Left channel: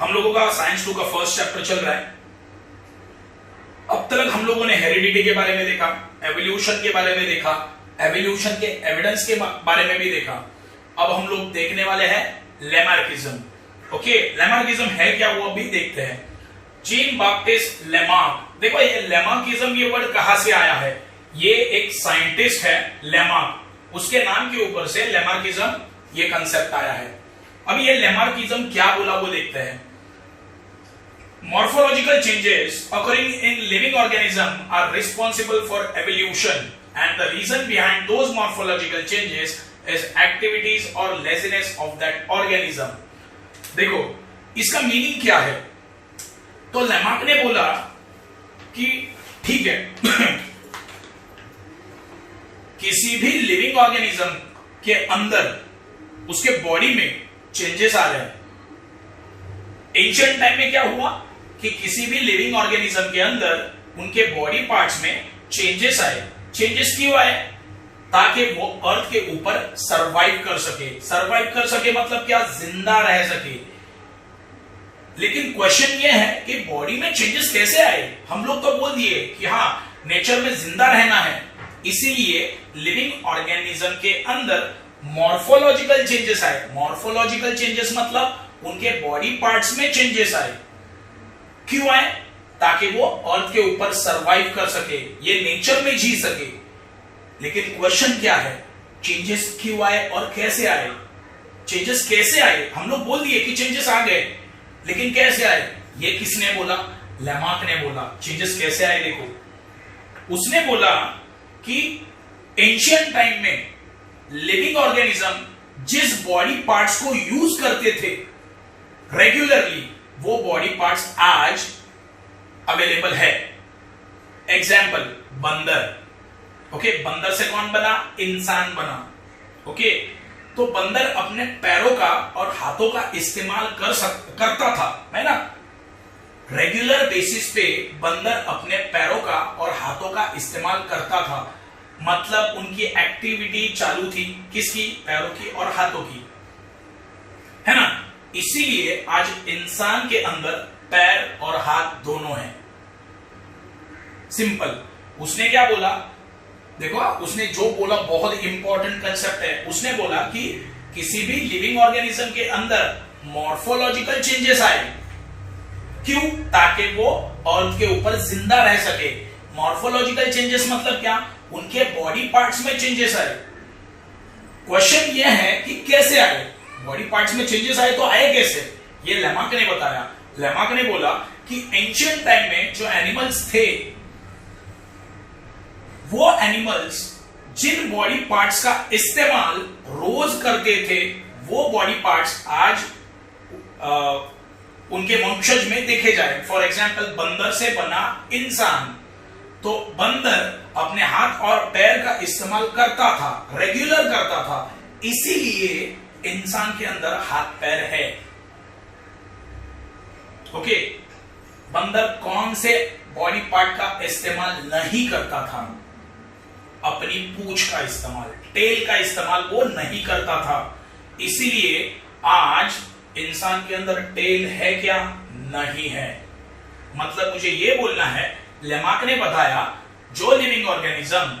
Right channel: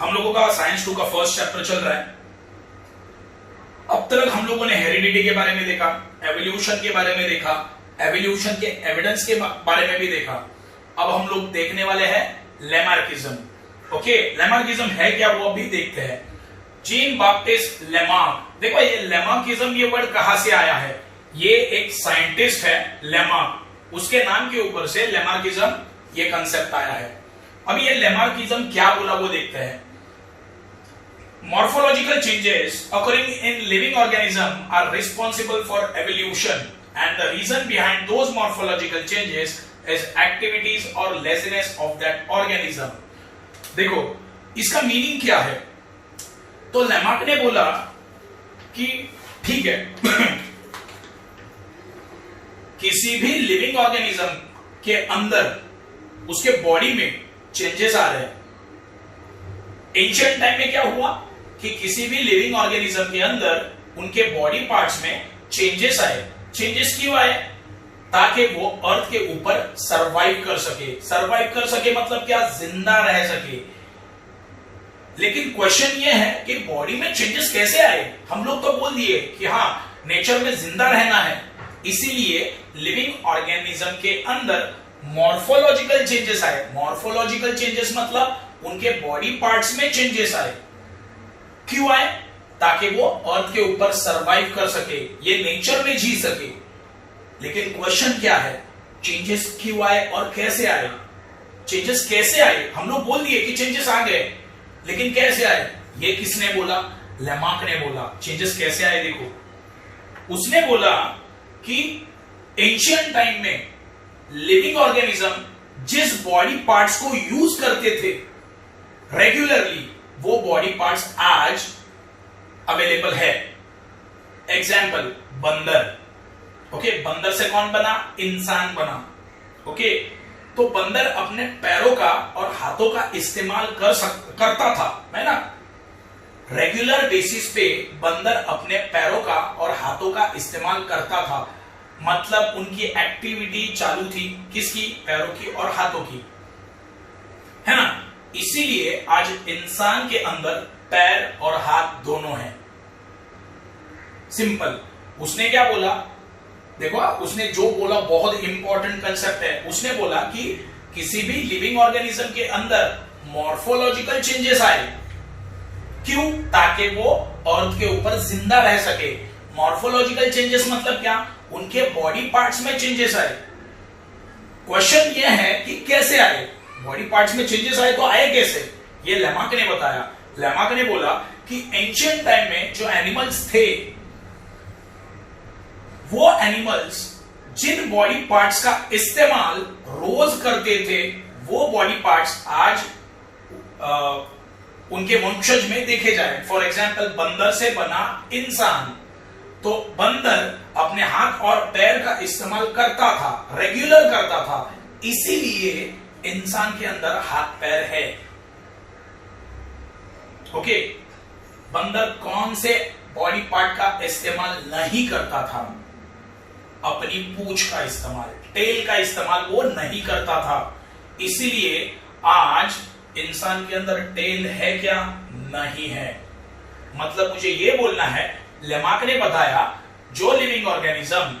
हम लोगों का साइंस 2 का फर्स्ट चैप्टर चल रहा है। अब तक हम लोगों ने हेरिडिटी के बारे में देखा, एवोल्यूशन के बारे में देखा, एवोल्यूशन के एविडेंस के बारे में भी देखा। अब हम लोग देखने वाले हैं लैमार्किज्म। ओके, लैमार्किज्म है क्या वो अभी देखते हैं। जीन बाप्टिस्ट लैमार्क, देखो ये लैमार्किज्म ये वर्ड कहां से आया है। ये एक साइंटिस्ट है लैमार्क, उसके नाम के ऊपर से लैमार्किज्म ये कंसेप्ट आया है। अब ये लैमार्किज्म क्या बोला वो देखते हैं। Morphological changes occurring in living organism are responsible for evolution, and the reason behind those morphological changes is activities or laziness of that organism. देखो इसका मीनिंग क्या है। तो लैमार्क ने बोला कि ठीक है किसी भी लिविंग ऑर्गेनिज्म के अंदर उसके बॉडी में चेंजेस आ रहे हैं। एंशिएंट टाइम में क्या हुआ कि किसी भी लिविंग ऑर्गेनिज्म के अंदर उनके बॉडी पार्ट्स में चेंजेस आए। चेंजेस क्यों आए? ताकि वो अर्थ के ऊपर सरवाइव कर सके। सरवाइव कर सके मतलब क्या? जिंदा रह सके। लेकिन क्वेश्चन ये है कि बॉडी में चेंजेस कैसे आए। हम लोग तो बोल दिए कि हाँ नेचर में जिंदा रहना है, इसीलिए लिविंग ऑर्गेनिज्म के अंदर मॉर्फोलॉजिकल चेंजेस आए। मॉर्फोलॉजिकल चेंजेस मतलब उनके बॉडी पार्ट्स में चेंजेस आए। क्यों आए? ताकि वो अर्थ के ऊपर सरवाइव कर सके, ये नेचर में जी सके। लेकिन क्वेश्चन क्या है, चेंजेस क्यों आए और कैसे आए? चेंजेस कैसे आए? हम लोग बोल दिए कि चेंजेस आ गए, लेकिन कैसे आए? ये किसने बोला? लैमार्क ने बोला। चेंजेस कैसे आए देखो, उसने बोला कि एंशिएंट टाइम में लिविंग ऑर्गेनिज्म जिस बॉडी पार्ट्स को यूज करते थे रेगुलरली, वो बॉडी पार्ट्स आज अवेलेबल है। एग्जाम्पल बंदर। ओके, बंदर से कौन बना? इंसान बना। ओके, तो बंदर अपने पैरों का और हाथों का इस्तेमाल करता था, है ना। रेगुलर बेसिस पे बंदर अपने पैरों का और हाथों का इस्तेमाल करता था, मतलब उनकी एक्टिविटी चालू थी। किसकी? पैरों की और हाथों की, है ना। इसीलिए आज इंसान के अंदर पैर और हाथ दोनों हैं। सिंपल। उसने क्या बोला देखो, उसने जो बोला बहुत इंपॉर्टेंट कंसेप्ट है। उसने बोला कि किसी भी लिविंग ऑर्गेनिज्म के अंदर मॉर्फोलॉजिकल चेंजेस आए। क्यों? ताकि वो अर्थ के ऊपर जिंदा रह सके। मॉर्फोलॉजिकल चेंजेस मतलब क्या? उनके बॉडी पार्ट्स में चेंजेस आए। क्वेश्चन ये है कि कैसे आए? बॉडी पार्ट्स में चेंजेस आए तो आए कैसे? ये लैमार्क ने बताया। लैमार्क ने बोला कि एंशिएंट टाइम में जो एनिमल्स थे, वो एनिमल्स जिन बॉडी पार्ट्स का इस्तेमाल रोज करते थे, वो बॉडी पार्ट्स आज उनके वंशज में देखे जाए। फॉर एग्जाम्पल बंदर से बना इंसान, तो बंदर अपने हाथ और पैर का इस्तेमाल करता था, रेगुलर करता था, इसीलिए इंसान के अंदर हाथ पैर है। ओके, बंदर कौन से बॉडी पार्ट का इस्तेमाल नहीं करता था? अपनी पूंछ का इस्तेमाल, टेल का इस्तेमाल वो नहीं करता था। इसीलिए आज इंसान के अंदर टेल है क्या? नहीं है। मतलब मुझे ये बोलना है, लैमार्क ने बताया जो लिविंग ऑर्गेनिज्म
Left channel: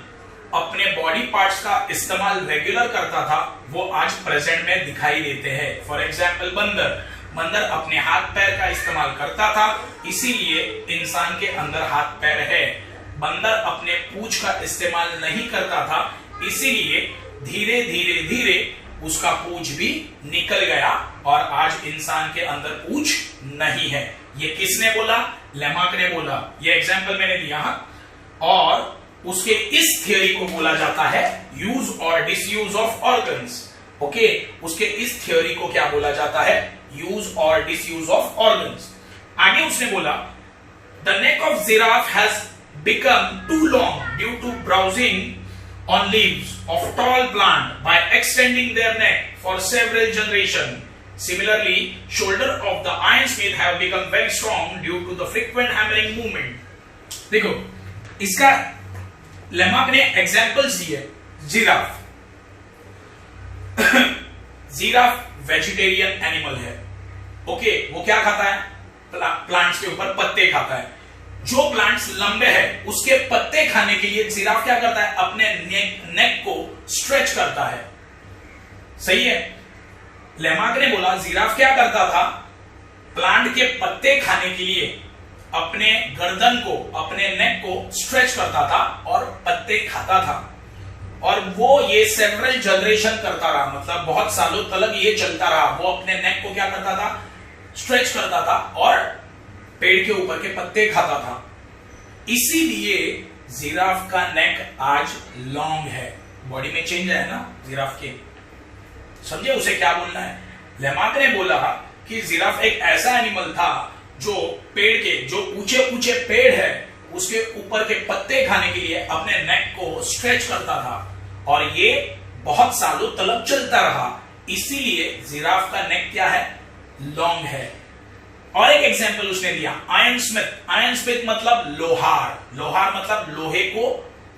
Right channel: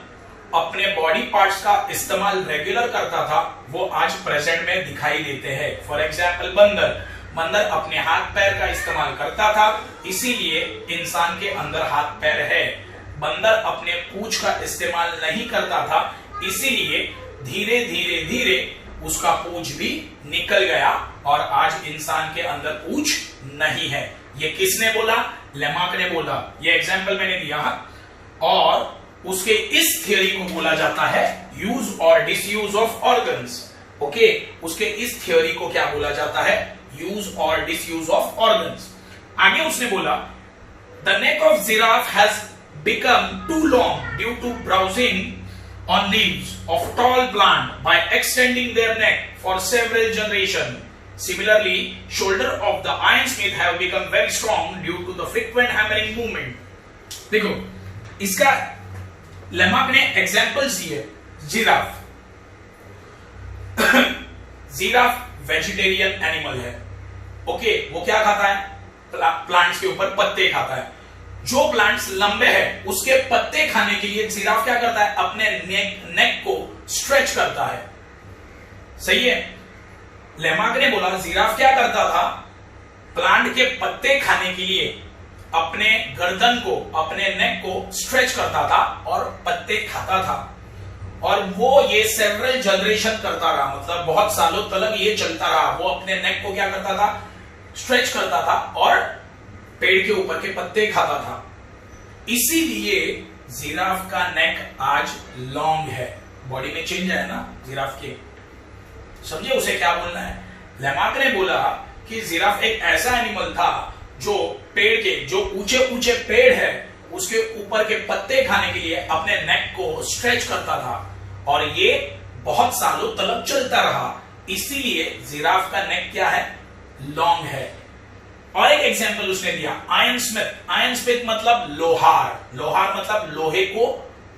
अपने बॉडी पार्ट्स का इस्तेमाल रेगुलर करता था, वो आज प्रेजेंट में दिखाई देते हैं। फॉर एग्जाम्पल बंदर अपने हाथ पैर का इस्तेमाल करता था, इसीलिए इंसान के अंदर हाथ पैर है। बंदर अपने पूंछ का इस्तेमाल नहीं करता था, इसीलिए धीरे धीरे धीरे उसका पूंछ भी निकल गया और आज इंसान के अंदर पूंछ नहीं है। ये किसने बोला? लैमार्क ने बोला। ये एग्जाम्पल मैंने दिया और उसके इस थियोरी को बोला जाता है यूज और डिसयूज ऑफ ऑर्गन्स। ओके, उसके इस थियोरी को क्या बोला जाता है? यूज और डिसयूज ऑफ ऑर्गन्स। आगे उसने बोला the neck of giraffe has become too long due to browsing on leaves of tall plant by extending their neck for several generation. Similarly, shoulder of the iron-smith have become very strong due to the frequent hammering movement. देखो, इसका Lamarck ने examples दिए। Giraffe giraffe vegetarian animal है, okay, वो क्या खाता है? Plants के ऊपर पत्ते खाता है। जो प्लांट्स लंबे हैं उसके पत्ते खाने के लिए जिराफ क्या करता है? अपने नेक को स्ट्रेच करता है। सही है। लेमार्क ने बोला जिराफ क्या करता था? प्लांट के पत्ते खाने के लिए अपने गर्दन को, अपने नेक को स्ट्रेच करता था और पत्ते खाता था। और वो ये सेवरल जनरेशन करता रहा, मतलब बहुत सालों तक ये चलता रहा। वो अपने नेक को क्या करता था? स्ट्रेच करता था और पेड़ के ऊपर के पत्ते खाता था। इसीलिए जिराफ का नेक आज लॉन्ग है। बॉडी में चेंज है ना जिराफ के, समझे उसे क्या बोलना है? लेमार्क ने बोला कि जिराफ एक ऐसा एनिमल था जो पेड़ के, जो ऊंचे ऊंचे पेड़ है उसके ऊपर के पत्ते खाने के लिए अपने नेक को स्ट्रेच करता था और ये बहुत सालों तक चलता रहा। इसीलिए जिराफ का नेक क्या है? लॉन्ग है। और एक एग्जांपल उसने दिया, आयरन स्मिथ। आयरन स्मिथ मतलब लोहार। लोहार मतलब लोहे को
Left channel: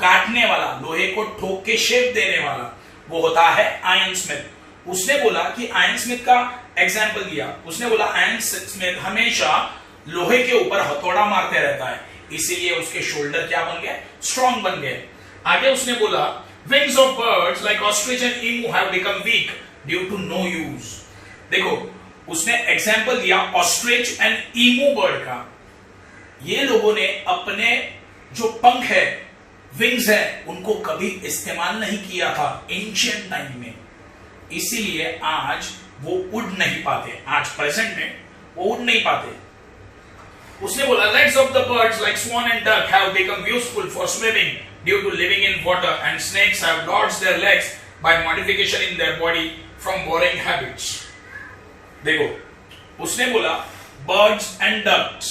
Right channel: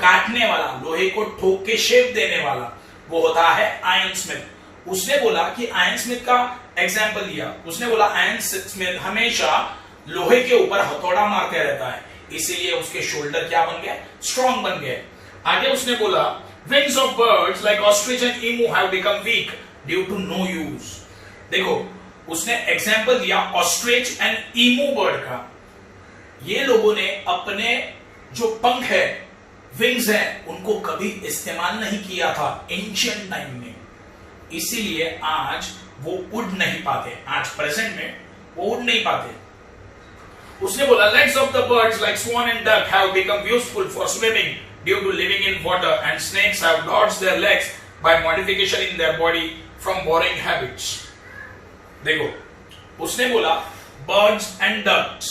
काटने वाला, लोहे को ठोक के शेप देने वाला, वो होता है आयरन स्मिथ। उसने बोला कि आयरन स्मिथ का एग्जांपल दिया। उसने बोला आयरन स्मिथ हमेशा लोहे के ऊपर हथौड़ा मारते रहता है, इसीलिए उसके शोल्डर क्या बन गए? स्ट्रॉन्ग बन गए। आगे उसने बोला wings of birds like ostrich and emu have become weak due to no use. देखो उसने एग्जांपल दिया ऑस्ट्रिच एंड ईमू बर्ड का। ये लोगों ने अपने जो पंख है, विंग्स है, उनको कभी इस्तेमाल नहीं किया था एंशिएंट टाइम में, इसीलिए आज वो उड़ नहीं पाते। आज प्रेजेंट में वो उड़ नहीं पाते। उसने बोला legs of the birds like swan and duck have become useful for swimming due to living in water, and snakes have dodged their legs by modification in their body from burrowing habits. देखो उसने बोला birds and ducks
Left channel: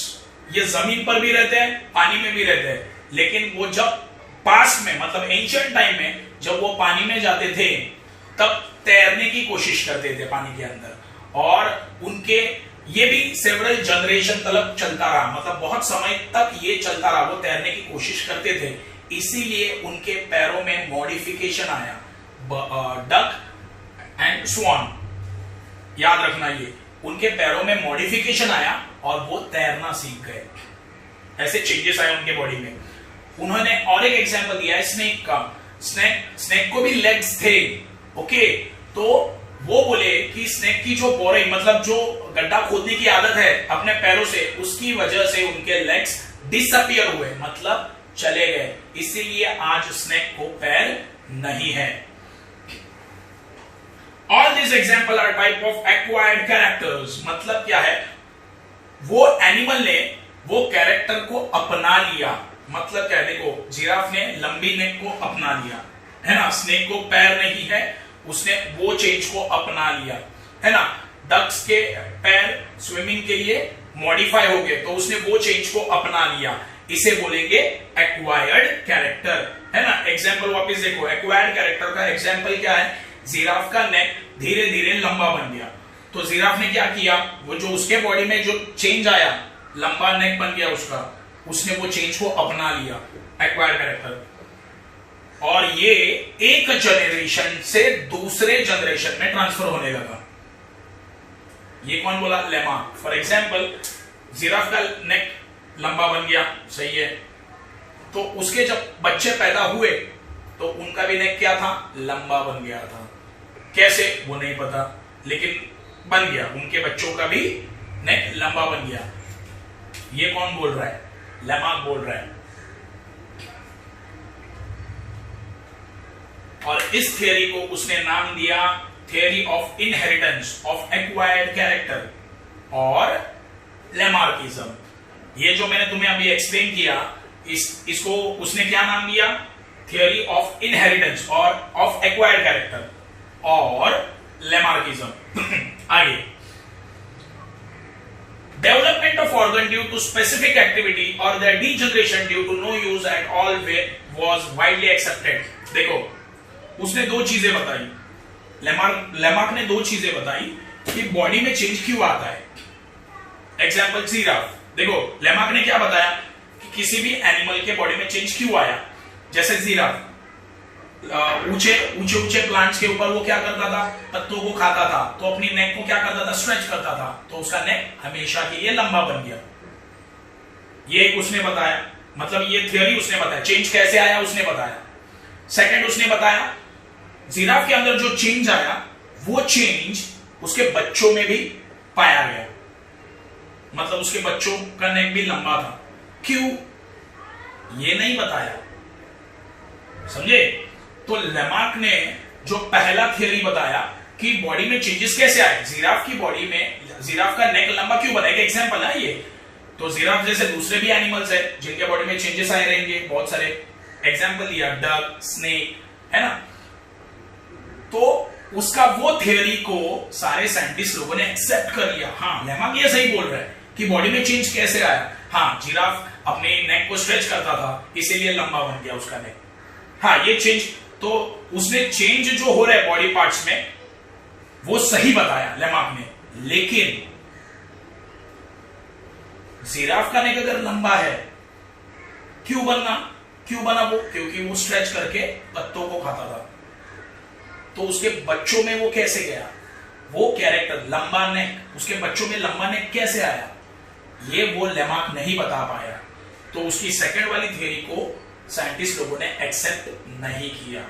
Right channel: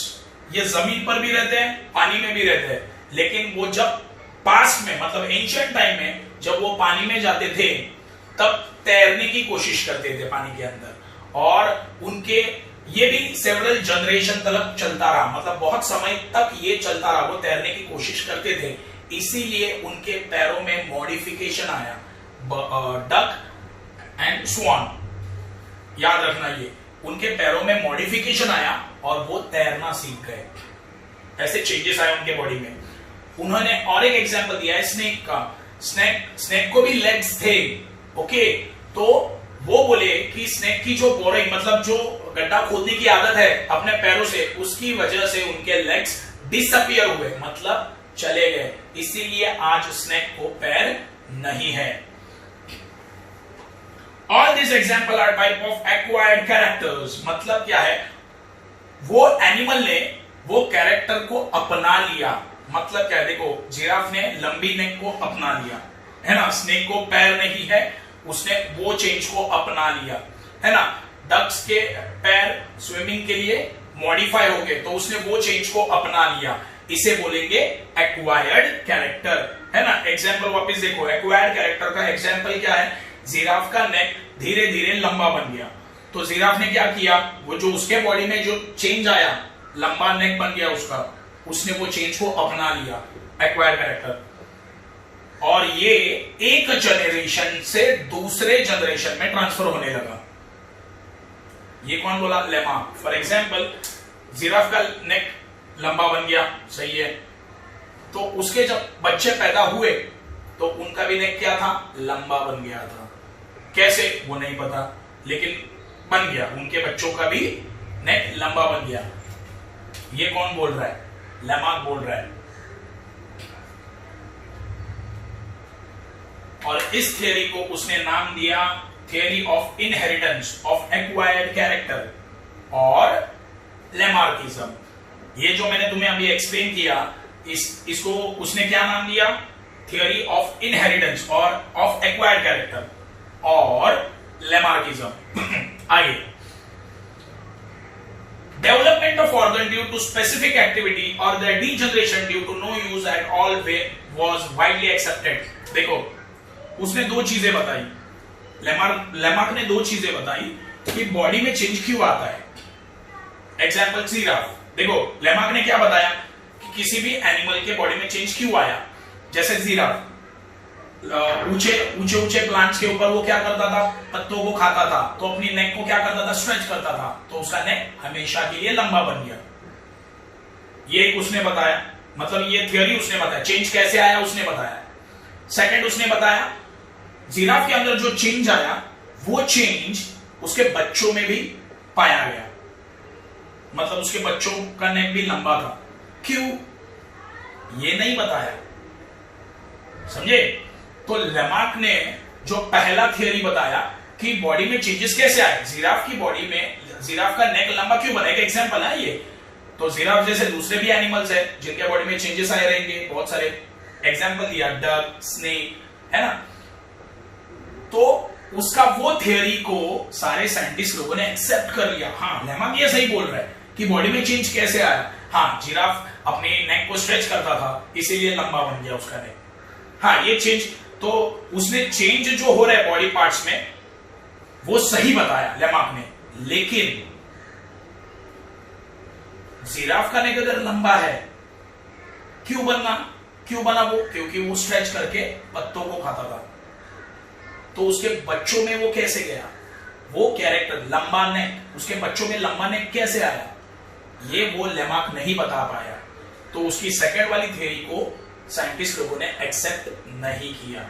ये जमीन पर भी रहते हैं, पानी में भी रहते हैं, लेकिन वो जब पास्ट में, मतलब एंशिएंट टाइम में जब वो पानी में जाते थे तब तैरने की कोशिश करते थे पानी के अंदर, और उनके ये भी सेवरल जनरेशन तक चलता रहा, मतलब बहुत समय तक ये चलता रहा। वो तैरने की कोशिश करते थे, इसीलिए उनके पैरों में मॉडिफिकेशन आया। डक एंड स्वान, याद रखना, ये उनके पैरों में मॉडिफिकेशन आया और वो तैरना सीख गए। ऐसे चेंजेस आए उनके बॉडी में। उन्होंने और एक एग्जांपल दिया है स्नेक का। स्नेक को भी लेग्स थे, ओके, तो वो बोले कि स्नेक की जो बोरई, मतलब जो गड्ढा खोदने की आदत है अपने पैरों से, उसकी वजह से उनके लेग्स डिसअपियर हुए, मतलब चले गए। इसीलिए आज स्नेक को पैर नहीं है। All these examples are type of acquired characters। मतलब क्या है? वो एनिमल ने वो कैरेक्टर को अपना लिया। मतलब क्या है? देखो जिराफ ने लंबी नेक को अपना लिया, है ना। स्नेक को पैर नहीं है, उसने वो चेंज को अपना लिया, है ना। डक्स के पैर स्विमिंग के लिए मॉडिफाई हो गए, तो उसने वो चेंज को अपना लिया। इसे बोलेंगे एक्वायर्ड कैरेक्टर, है ना। एग्जांपल वापस देखो, एक्वायर्ड कैरेक्टर का एग्जांपल क्या है? जिराफ का नेक धीरे धीरे लंबा बन गया, तो जिराफ ने क्या किया? वो जो उसके बॉडी में जो चेंज आया, लंबा नेक बन गया उसका, उसने वो चेंज को अपना लिया, एक्वायर्ड कैरेक्टर। और ये एक जनरेशन से दूसरे जनरेशन में ट्रांसफर होने लगा। ये कौन बोला? लेमार्क। फॉर एग्जांपल जिराफ का नेक लंबा बन गया, सही है, तो उसके जब बच्चे पैदा हुए तो उनका भी नेक क्या था? लंबा बन गया था। कैसे वो नहीं पता, लेकिन बन गया। उनके बच्चों का भी नेक लंबा बन गया। ये कौन बोल रहा है? लेमार्क बोल रहा है। और इस थियरी को उसने नाम दिया theory of inheritance of acquired character और लेमार्किज्म। ये जो मैंने तुम्हें अभी एक्सप्लेन किया, इसको उसने क्या नाम दिया? थियरी ऑफ इनहेरिटेंस और ऑफ एक्वायर्ड कैरेक्टर और लेमार्किज्म। आगे, development of organ due to specific activity और their degeneration due to no use at all was widely accepted. देखो उसने दो चीजें बताई, लेमार्क ने दो चीजें बताई कि बॉडी में चेंज क्यों आता है। एग्जांपल जिराफ, देखो लेमार्क ने क्या बताया कि किसी भी एनिमल के बॉडी में चेंज क्यों आया। जैसे जिराफ, ऊंचे ऊंचे ऊंचे प्लांट्स के ऊपर वो क्या करता था, पत्तों को खाता था, तो अपनी नेक को क्या करता था, स्ट्रेच करता था, तो उसका नेक हमेशा के लिए लंबा बन गया। ये एक उसने बताया, मतलब ये थ्योरी उसने बताया। चेंज कैसे आया उसने बताया। सेकंड उसने बताया जिराफ के अंदर जो चेंज आया वो चेंज उसके बच्चों में भी पाया गया, मतलब उसके बच्चों का नेक भी लंबा था। क्यों, ये नहीं बताया, समझे। तो लेमार्क ने जो पहला थियरी बताया कि बॉडी में चेंजेस कैसे आए, जिराफ की बॉडी में जिराफ का नेक लंबा क्यों बना, एक एग्जांपल है ये। तो जिराफ जैसे दूसरे भी एनिमल्स है जिनके बॉडी में चेंजेस आए रहेंगे, बहुत सारे एग्जांपल दिया, डक, स्नेक, है ना। तो उसका वो थियरी को सारे साइंटिस्ट लोगों ने एक्सेप्ट कर लिया। हाँ, लेमार्क ये सही बोल रहा है कि बॉडी में चेंज कैसे आया। हाँ, जिराफ अपनी नेक को स्ट्रेच करता था इसीलिए लंबा बन गया उसका नेक। हाँ, ये चेंज, तो उसने चेंज जो हो रहा है बॉडी पार्ट्स में वो सही बताया लेमार्क ने। लेकिन जिराफ का नेक अगर लंबा है, क्यों बना वो, क्योंकि वो स्ट्रेच करके पत्तों को खाता था। तो उसके बच्चों में वो कैसे गया, वो कैरेक्टर लंबा नेक, उसके बच्चों में लंबा नेक कैसे आया, ये वो लेमार्क नहीं बता पाया। तो उसकी सेकंड वाली थ्योरी को साइंटिस्ट लोगों ने एक्सेप्ट नहीं किया।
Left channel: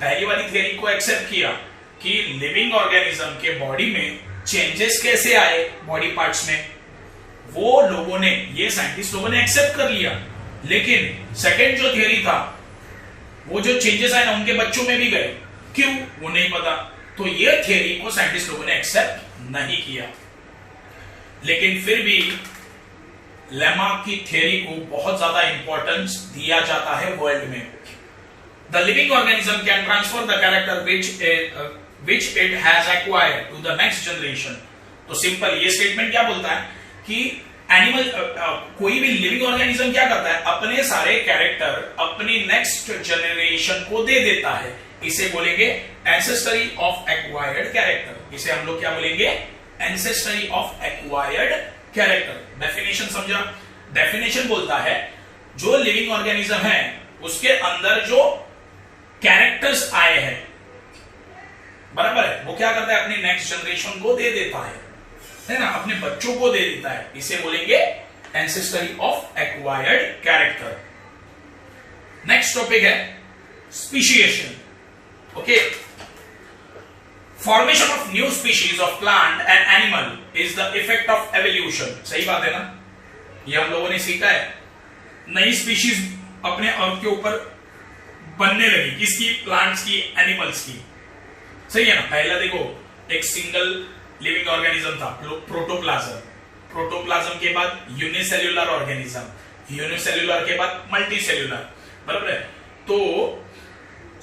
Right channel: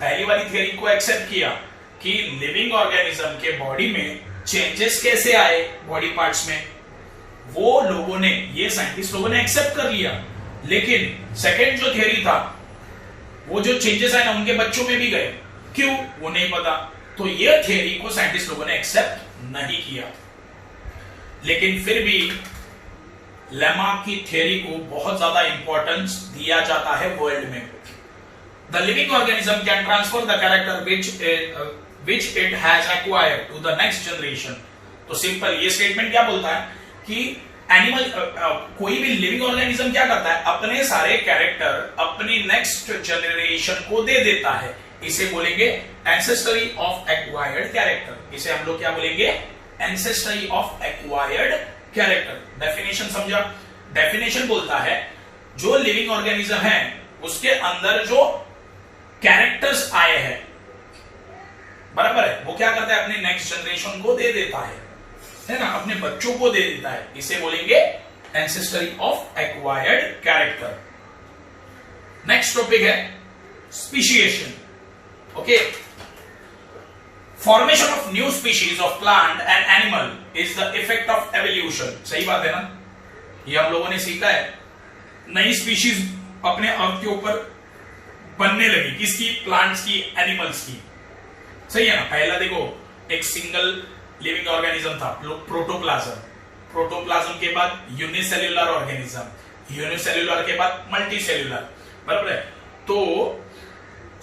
पहली वाली थ्योरी को एक्सेप्ट किया कि लिविंग ऑर्गेनिज्म के बॉडी में चेंजेस कैसे आए बॉडी पार्ट्स में, वो लोगों ने, ये साइंटिस्ट लोगों ने एक्सेप्ट कर लिया। लेकिन सेकंड जो थ्योरी था, वो जो चेंजेस आए ना उनके बच्चों में भी गए, क्यों वो नहीं पता। तो ये थ्योरी को साइंटिस्ट लोगों ने एक्सेप्ट नहीं किया। लेकिन फिर भी लेमार्क की थ्योरी को बहुत ज्यादा इंपॉर्टेंस दिया जाता है वर्ल्ड में। The living organism can transfer the character which it has acquired to the next generation। तो सिंपल ये स्टेटमेंट क्या बोलता है कि एनिमल, कोई भी लिविंग ऑर्गेनिज्म क्या करता है, अपने सारे कैरेक्टर अपनी नेक्स्ट जनरेशन को दे देता है। इसे बोलेंगे एंसेस्टरी ऑफ एक्वायर्ड कैरेक्टर। इसे हम लोग क्या बोलेंगे, ancestry of acquired character. Definition समझा, डेफिनेशन बोलता है जो लिविंग ऑर्गेनिज्म है उसके अंदर जो कैरेक्टर्स आए हैं, बराबर है, वो क्या करता है, अपनी नेक्स्ट जनरेशन को दे देता है ना, अपने बच्चों को दे देता है। इसे बोलेंगे ancestry of acquired character. Next topic है speciation. Okay, formation of new species of plant and animal is the effect of evolution. सही बात है ना, ये हम लोगों ने सीखा है। नई स्पीशीज अपने अर्थ के ऊपर बनने लगी, किसकी, प्लांट्स की, एनिमल्स की। सही है ना। पहला देखो, एक सिंगल लिविंग ऑर्गेनिज्म था, प्रोटोप्लाज्म। प्रोटोप्लाज्म के बाद यूनिसेल्युलर ऑर्गेनिज्म, यूनिसेल्युलर के बाद मल्टीसेल्युलर, बराबर है। तो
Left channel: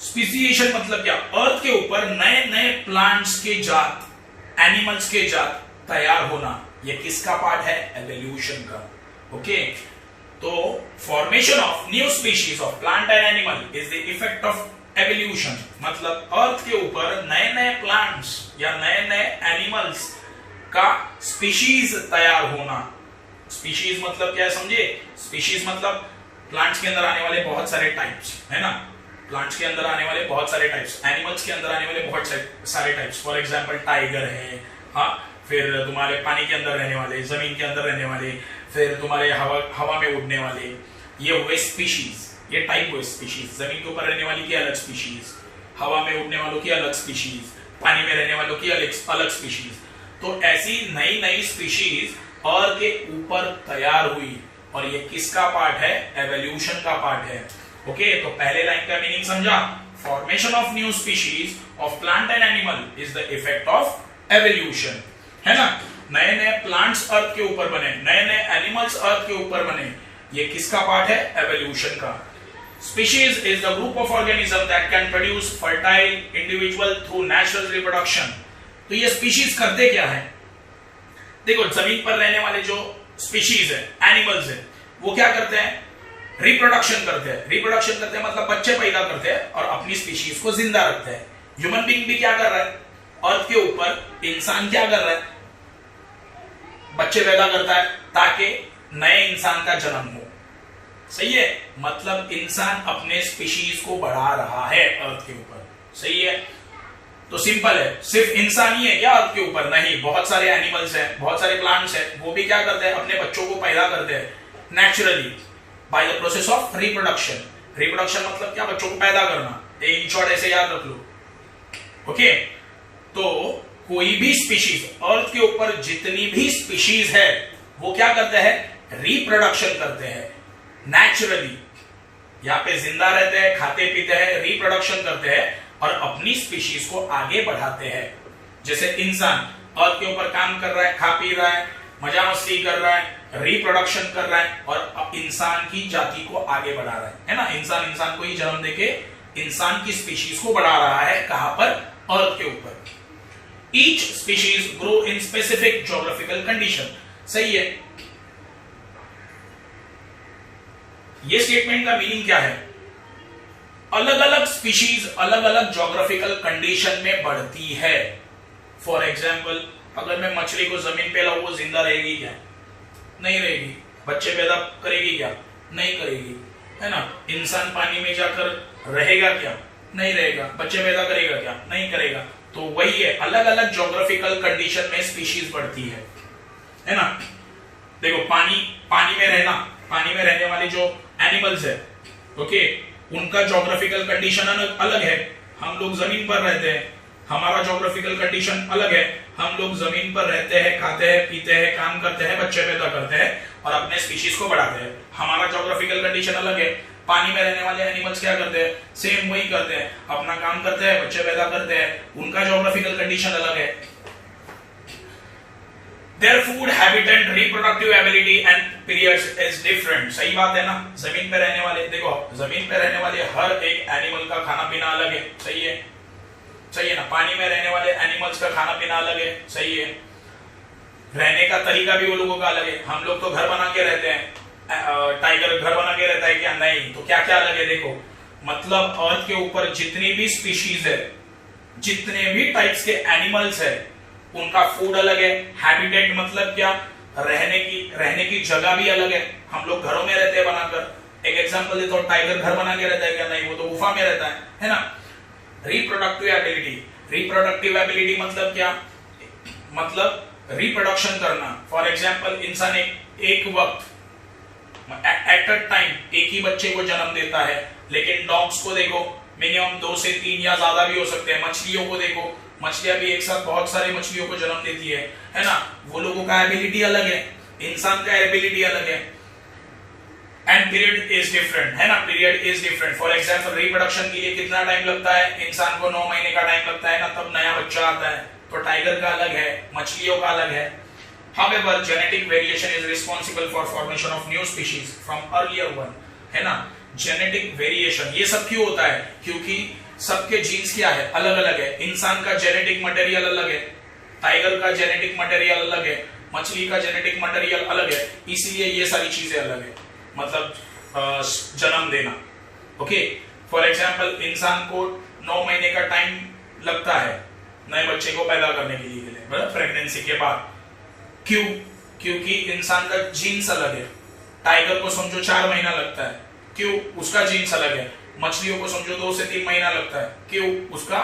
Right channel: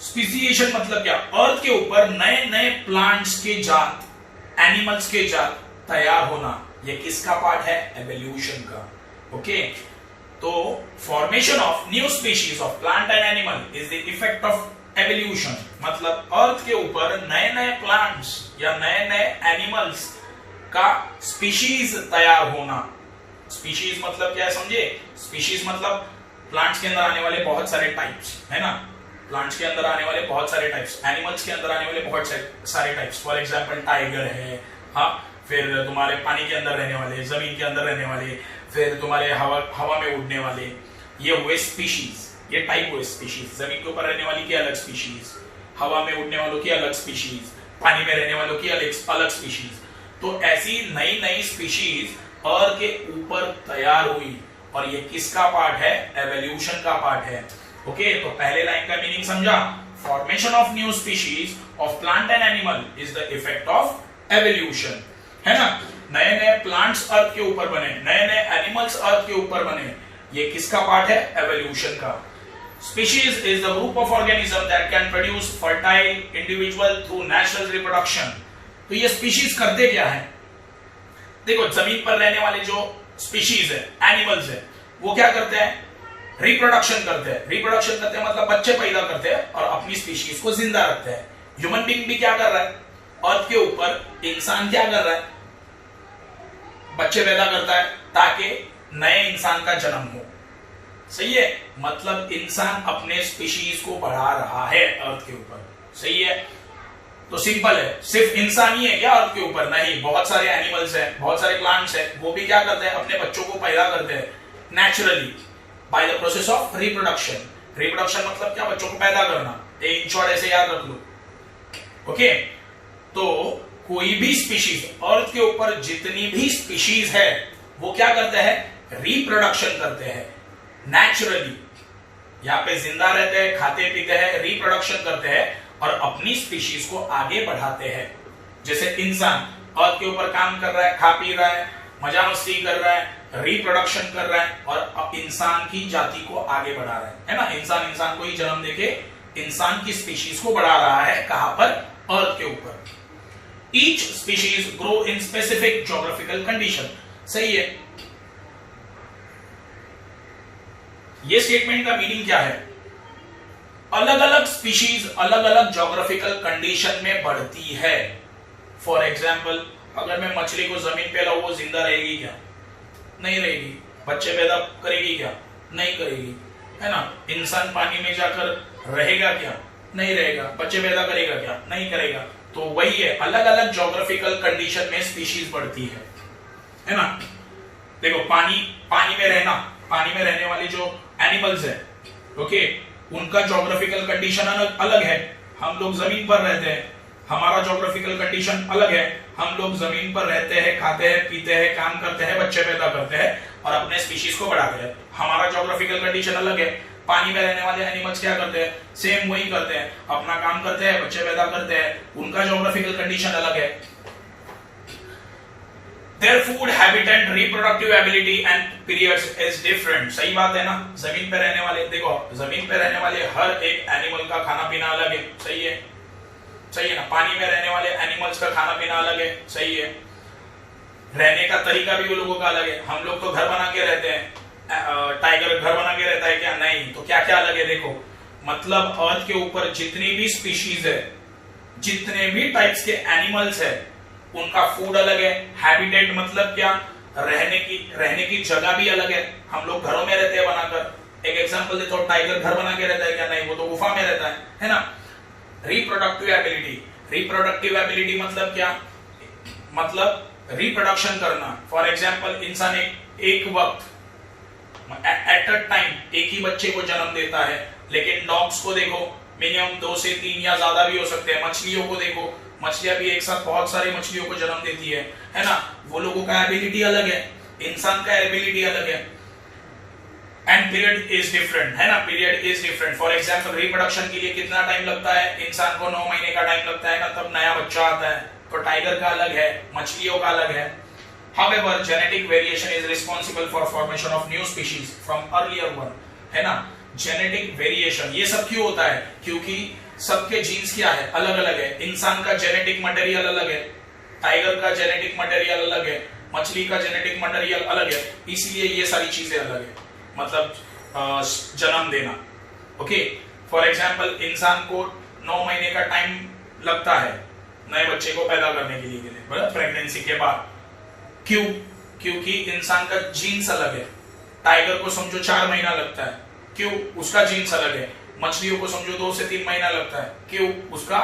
स्पीशिएशन मतलब क्या, अर्थ के ऊपर नए नए प्लांट्स के जात, एनिमल्स के जात तैयार होना। ये किसका पार्ट है, एवोल्यूशन का। ओके, तो formation of new species of plant and animal is the effect of evolution. मतलब अर्थ के ऊपर नए नए प्लांट्स या नए नए एनिमल्स का स्पीशीज तैयार होना। स्पीशीज मतलब क्या है समझे, स्पीशीज मतलब प्लांट्स के अंदर आने वाले बहुत सारे टाइप्स, है ना। प्लांट्स के अंदर आने वाले बहुत सारे टाइप्स, एनिमल्स के अंदर आने वाले बहुत सारे टाइप्स। फॉर एग्जांपल टाइगर है, हाँ, फिर तुम्हारे पानी के अंदर रहने वाले, जमीन के अंदर रहने वाले, फिर तुम्हारे हवा में उड़ने वाले, ये हुए स्पीशीज, ये टाइप हुए स्पीशीज। जमीन के ऊपर रहने वाली की अलग स्पीशीज, हवा में उड़ने वालों की अलग स्पीशीज, पानी में रहने वालों की अलग स्पीशीज। तो ऐसी नई नई स्पीशीज अर्थ के ऊपर तैयार हुई, और ये किसका पार्ट है, एवोल्यूशन का पार्ट है। ओके, तो पहले लाइन का मीनिंग समझा, formation of new species of plant and animal is the effect of evolution, है ना। नए नए प्लांट्स अर्थ के ऊपर बने, नए नए एनिमल्स अर्थ के ऊपर बने, ये किसका पार्ट है, एवोल्यूशन का। Species is the group of organisms that can produce fertile individual through natural reproduction। तो ये स्पीशीज करते क्या है, देखो जमीन पर रहने वाले जो स्पीशीज है, एनिमल्स है, वो क्या करते हैं, रिप्रोडक्शन करते हैं। रिप्रोडक्शन करते हैं मतलब बच्चे पैदा करते हैं और अपनी स्पीशीज को जिंदा रखते हैं। ह्यूमन बीइंग भी क्या कर रहा है, अर्थ के ऊपर इंसान क्या कर रहा है, बच्चे पैदा करता है ताकि नए इंसान का जन्म हो। सही है, मतलब इंसान अपने स्पीशीज को बढ़ा रहा है अर्थ के ऊपर। सही है, तो सिंपल है, सिर्फ इंसान ही है क्या अर्थ के ऊपर? नहीं, बहुत सारे एनिमल्स हैं, बहुत सारे प्लांट्स हैं, वो भी क्या करते हैं, अपने बच्चों को पैदा करते हैं naturally by the process of reproduction. Reproduction मतलब क्या? बच्चों को पैदा करना। इन शॉर्ट ऐसे याद रख लो। ओके, तो कोई भी स्पीशीज, अर्थ के ऊपर जितनी भी स्पीशीज है वो क्या करते हैं? रिप्रोडक्शन करते हैं नेचुरली। यहाँ पे जिंदा रहते हैं, खाते पीते हैं, रिप्रोडक्शन करते हैं और अपनी स्पीशीज को आगे बढ़ाते हैं। जैसे इंसान अर्थ के ऊपर काम कर रहा है, खा पी रहा है, मजा मस्ती कर रहा है, रिप्रोडक्शन कर रहा है और इंसान की जाति को आगे बढ़ा रहा है ना। इंसान को ही जन्म देके इंसान की स्पीशीज को बढ़ा रहा है। कहां पर? अर्थ के ऊपर। Each species grow in specific geographical condition. सही है, ये स्टेटमेंट का मीनिंग क्या है? अलग अलग स्पीशीज अलग अलग ज्योग्राफिकल कंडीशन में बढ़ती है। फॉर एग्जाम्पल, अगर मैं मछली को जमीन पे लाऊं, वो जिंदा रहेगी क्या? नहीं रहेगी। बच्चे पैदा करेगी क्या? नहीं करेगी, है ना। इंसान पानी में जाकर रहेगा क्या? नहीं रहेगा। बच्चे पैदा करेगा क्या? नहीं करेगा। तो वही है, अलग अलग ज्योग्राफिकल कंडीशन में स्पीशीज बढ़ती है ना। देखो, पानी में रहना, पानी में रहने वाले जो एनिमल्स है, ओके, उनका ज्योग्राफिकल कंडीशन अलग है। हम लोग जमीन पर रहते हैं, हमारा ज्योग्राफिकल कंडीशन अलग है। हम लोग जमीन पर रहते हैं, खाते हैं, पीते हैं, काम करते हैं, बच्चे पैदा करते हैं और अपने स्पीशीज को बढ़ाते हैं। हमारा ज्योग्राफिकल कंडीशन अलग है। पानी में रहने वाले एनिमल्स क्या करते हैं? सेम वही करते हैं, अपना काम करते हैं, बच्चे पैदा करते हैं। उनका ज्योग्राफिकल कंडीशन अलग है। Their food, habitat, reproductive ability and periods is different. सही बात है ना। जमीन पे रहने वाले, देखो, जमीन पे रहने वाले हर एक एनिमल का खाना पीना अलग है। सही है, सही है ना। पानी में रहने वाले एनिमल्स का खाना पीना अलग है। सही है, रहने का तरीका भी वो लोगों का अलग है। हम लोग तो घर बना के रहते हैं, टाइगर घर बना के रहता है क्या? नहीं। तो क्या क्या अलग है? देखो, मतलब अर्थ के ऊपर जितनी भी स्पीशीज है, जितने भी टाइप्स के एनिमल्स है, उनका फूड अलग है। हैबिटेट मतलब क्या? रहने की जगह भी अलग है। हम लोग घरों में रहते हैं बनाकर। एक एग्जांपल देता हूं, टाइगर घर बना के रहता है क्या? नहीं, वो तो गुफा में रहता है ना। रिप्रोडक्टिव एबिलिटी, रिप्रोडक्टिव एबिलिटी मतलब क्या? मतलब रिप्रोडक्शन करना। फॉर एग्जांपल, इंसान एक वक्त एट अ टाइम एक ही बच्चे को जन्म देता है, लेकिन डॉग्स को देखो, मिनिमम 2 से 3 या ज्यादा भी हो सकते हैं। मछलियों को देखो, मछलियां भी एक साथ बहुत सारी मछलियों को जन्म देती है ना। वो लोगों का एबिलिटी अलग है, इंसान का एबिलिटी अलग है। एंड पीरियड इज डिफरेंट, है ना। Period is different. For example, reproduction के लिए कितना टाइम लगता है? इंसान को 9 महीने का टाइम लगता है ना, तब नया बच्चा आता है। तो टाइगर का अलग है, मछलियों का अलग है। However, genetic variation is responsible for formation of new species from earlier one, है ना। जेनेटिक वेरिएशन ये सब क्यों होता है? क्योंकि सबके जीन्स क्या है? अलग अलग है। इंसान का जेनेटिक मटेरियल अलग है, टाइगर का जेनेटिक मटेरियल अलग है, मछली का जेनेटिक मटेरियल अलग है, इसलिए ये सारी चीजें अलग है। मतलब जन्म देना। ओके, फॉर एग्जांपल, इंसान को 9 महीने का टाइम लगता है नए बच्चे को पैदा करने के लिए, मतलब प्रेगनेंसी के बाद। क्यों? क्योंकि इंसान का जीन्स अलग है। टाइगर को समझो 4 महीना लगता है, क्यों? उसका जीन्स अलग है। मछलियों को समझो 2 से 3 महीना लगता है, क्यों? उसका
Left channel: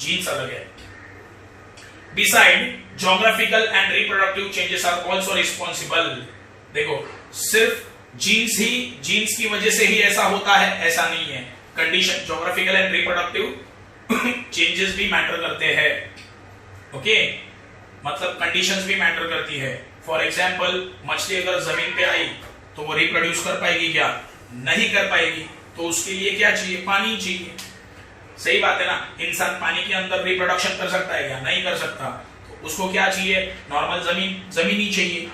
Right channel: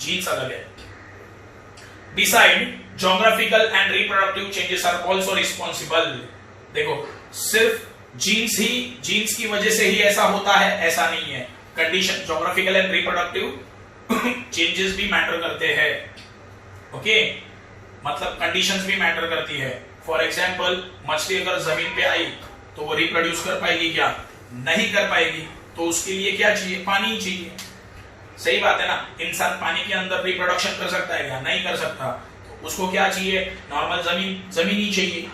जीन्स अलग है। Beside geographical and reproductive changes are also responsible. देखो, सिर्फ जीन्स की वजह से ही ऐसा होता है ऐसा नहीं है। Condition, geographical and reproductive changes भी मैटर करते हैं। ओके, मतलब कंडीशंस भी मैटर करती है। फॉर एग्जांपल, मछली अगर जमीन पे आई तो वो रिप्रोड्यूस कर पाएगी क्या? नहीं कर पाएगी। तो उसके लिए क्या चाहिए? पानी चाहिए। सही बात है ना। इंसान पानी के अंदर रिप्रोडक्शन कर सकता है क्या? नहीं कर सकता। तो उसको क्या चाहिए? नॉर्मल जमीन ही चाहिए।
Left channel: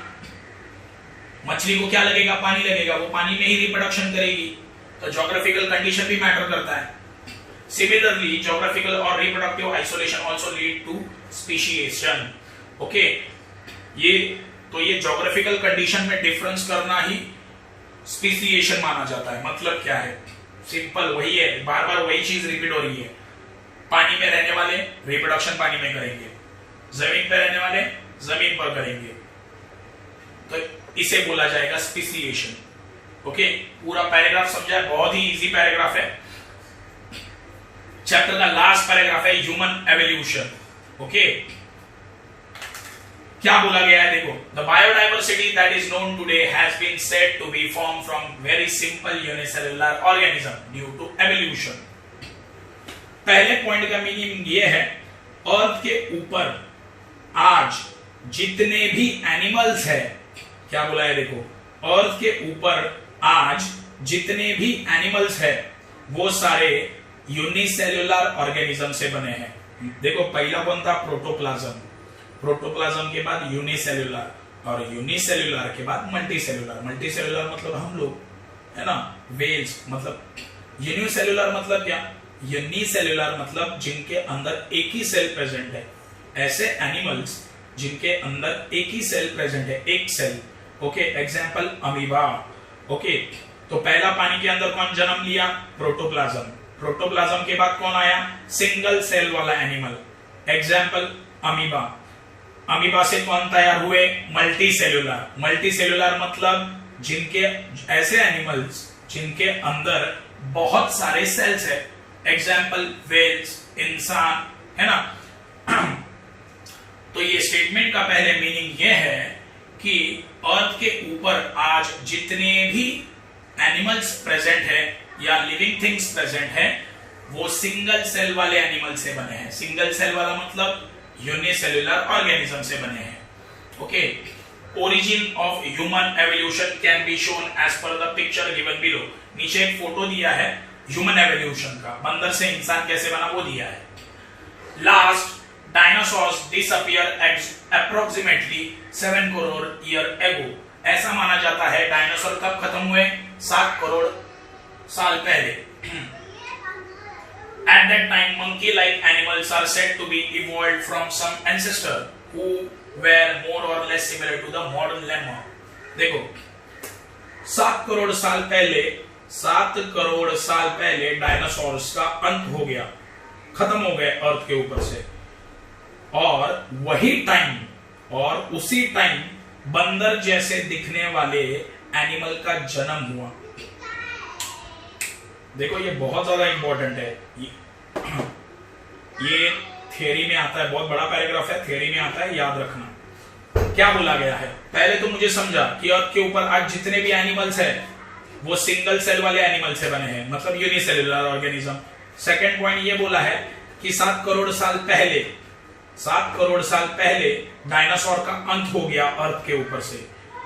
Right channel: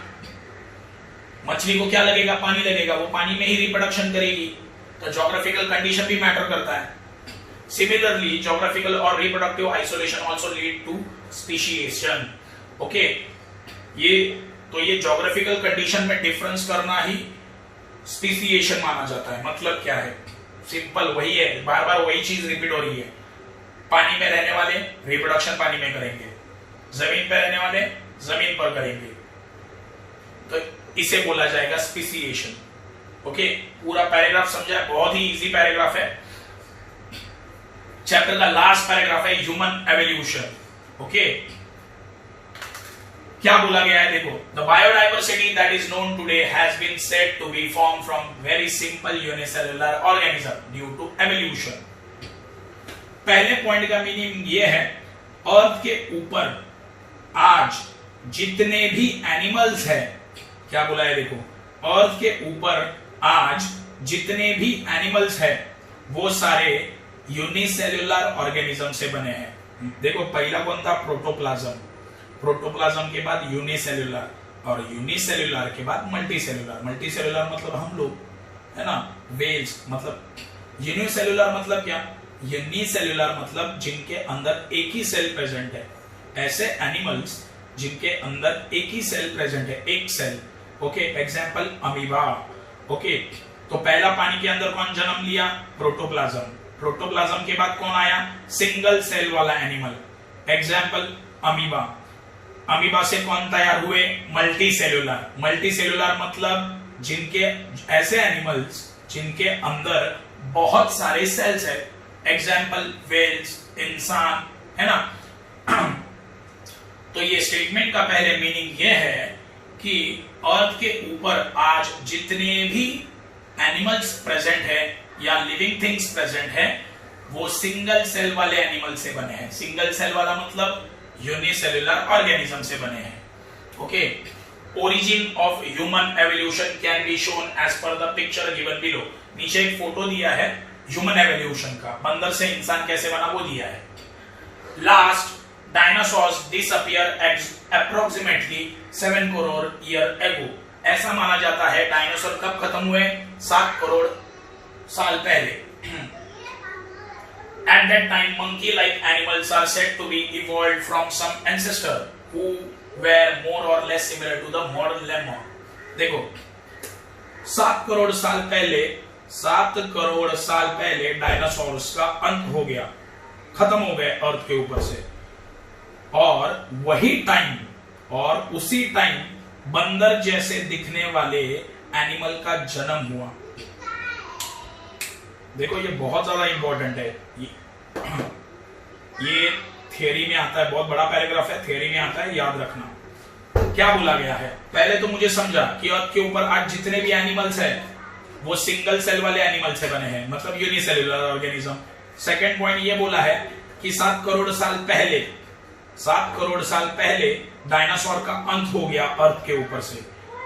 मछली को क्या लगेगा? पानी लगेगा, वो पानी में ही रिप्रोडक्शन करेगी। तो ज्योग्राफिकल कंडीशन भी मैटर करता है। सिमिलरली, ज्योग्राफिकल और reproductive isolation also lead to speciation. Okay, ये ज्योग्राफिकल कंडीशन में डिफरेंस करना ही स्पीशिएशन माना जाता है। मतलब क्या है? सिंपल वही है, बार बार वही चीज रिपीट हो रही है। पानी में रहने वाले रिप्रोडक्शन पानी में करेंगे, जमीन पर रहने वाले जमीन पर करेंगे, तो इसे बोला जाएगा स्पीशिएशन। ओके, पूरा पैराग्राफ समझा है, बहुत ही इजी पैराग्राफ है। चैप्टर का लास्ट पैराग्राफ है ह्यूमन एवोल्यूशन। ओके, क्या बोला गया है देखो, the biodiversity that is known today has been said to be form from very simple unicellular organism due to evolution. पहले पॉइंट का मीनिंग ये है, अर्थ के ऊपर आज जितने भी एनिमल्स हैं, क्या बोला है देखो, अर्थ के ऊपर आज जितने भी एनिमल्स हैं वो सारे यूनिसेल्युलर ऑर्गेनिज्म से बने हैं। देखो पहला कौन था, प्रोटोप्लाज्म, प्रोटोप्लाज्म के बाद यूनिसेल्युलर, और यूनिसेल्युलर के बाद मल्टीसेल्युलर। मल्टीसेल्युलर मतलब हम लोग, है ना, वेल्स मतलब। यूनिसेल्युलर मतलब क्या, यूनिसेल्युलर मतलब जिनके अंदर एक ही सेल प्रेजेंट है, ऐसे एनिमल्स जिनके अंदर एक ही सेल प्रेजेंट है, एक cell. Okay, example amoeba. Okay, तो पहला पानी के अंदर कौन जन्म लिया, प्रोटोप्लाज्म। प्रोटोप्लाज्म के बाद कौन आया, सिंगल सेल वाला एनिमल, एग्जांपल अमीबा। अमीबा से कौन तैयार हुए, मल्टी सेल्यूलर। मल्टी सेल्यूलर मतलब जिनके, ऐसे एनिमल्स जिनके अंदर बहुत सारे सेल्स है, एग्जांपल वेल्स, इंसान, है ना। तो ये स्टेटमेंट का पहले मीनिंग ये है कि अर्थ के ऊपर आज जितने भी एनिमल्स प्रेजेंट है या लिविंग थिंग्स प्रेजेंट है वो सिंगल सेल वाले एनिमल से बने हैं। सिंगल सेल वाला मतलब यूनिसेल्युलर ऑर्गेनिज्म से बने हैं। Okay, origin of human evolution can be shown as per the picture given below. नीचे एक फोटो दिया है ह्यूमन एवोल्यूशन का, बंदर से इंसान कैसे बना वो दिया है। Last dinosaurs disappear approximately 7 crore year ago. ऐसा माना जाता है डायनासोर कब खत्म हुए, 7 करोड़ साल पहले। At that time, monkey-like animals are said to be evolved from some ancestor who were more or less similar to the modern lemur. देखो 7 करोड़ साल पहले, 7 करोड़ साल पहले डायनासोर्स का अंत हो गया, खत्म हो गए अर्थ के ऊपर से। और वही टाइम और उसी टाइम बंदर जैसे दिखने वाले एनिमल का जन्म हुआ। देखो ये बहुत ज्यादा इंपॉर्टेंट है, ये थ्योरी में आता है, बहुत बड़ा पैराग्राफ है, थ्योरी में आता है, याद रखना। क्या बोला गया है, पहले तो मुझे समझा कि अर्थ के ऊपर आज जितने भी एनिमल्स हैं वो सिंगल सेल वाले एनिमल से बने हैं, मतलब यूनिसेल्युलर ऑर्गेनिज्म। सेकंड पॉइंट ये बोला है कि 7 करोड़ साल पहले, 7 करोड़ साल पहले डायनासोर का अंत हो गया अर्थ के ऊपर से।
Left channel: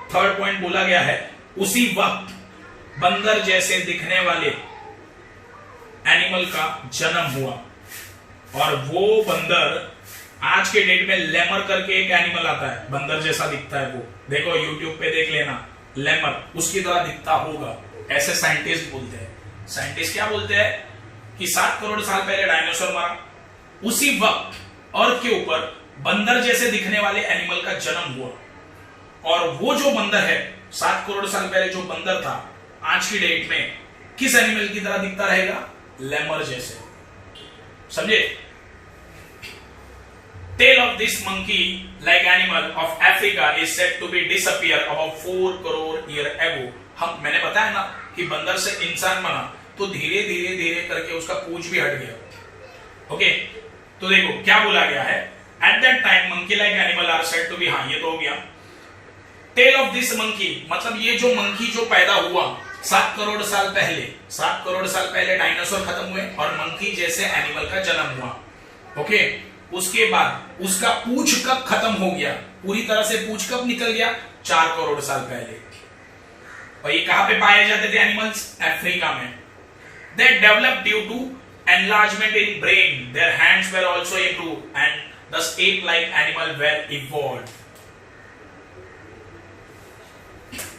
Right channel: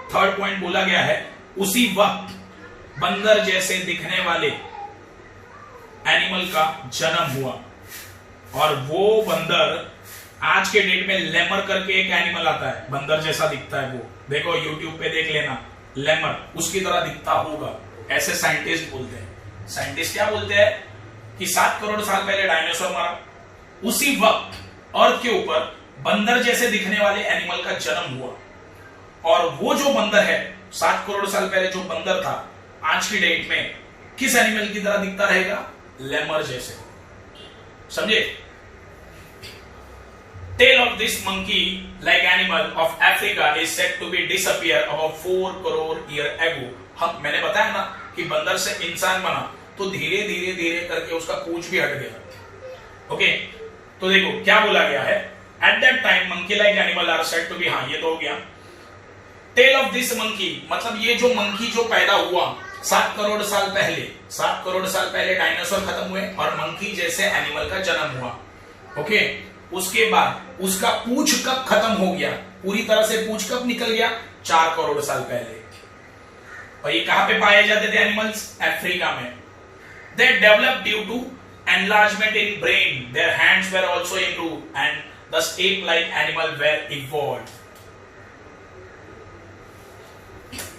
थर्ड पॉइंट बोला गया है उसी वक्त बंदर जैसे दिखने वाले एनिमल का जन्म हुआ, और वो बंदर आज के डेट में लेमर करके एक एनिमल आता है, बंदर जैसा दिखता है वो, देखो यूट्यूब पे देख लेना, लेमर उसकी तरह दिखता होगा, ऐसे साइंटिस्ट बोलते हैं। साइंटिस्ट क्या बोलते हैं कि 7 करोड़ साल पहले डायनासोर मरा, उसी वक्त अर्थ के ऊपर बंदर जैसे दिखने वाले एनिमल का जन्म हुआ, और वो जो बंदर है 7 करोड़ साल पहले जो बंदर था, आज की डेट में किस एनिमल की तरह दिखता रहेगा, लेमर जैसे। समझे? Tail of this monkey-like animal of Africa is said to be disappear about 4 crore year ago. मैंने बताया ना कि बंदर से इंसान बना तो धीरे धीरे धीरे करके उसका पूंछ भी हट गया। ओके, तो देखो क्या बोला गया है, at that time monkey-like animal are said to be, हाँ ये तो हो गया। Tail of this monkey मतलब ये जो मंकी जो पैदा हुआ 7 करोड़ साल पहले, 7 करोड़ साल पहले डायनासोर खत्म हुए और मंकी जैसे एनिमल का जन्म हुआ। ओके, उसके बाद उसका पूंछ कब खत्म हो गया, पूरी तरह से पूंछ कब निकल गया, 4 करोड़ साल पहले। और ये कहां पे पाए जाते थे एनिमल्स, अफ्रीका में। They developed due to enlargement in brain. Their hands were also improved and thus ape-like animal were evolved.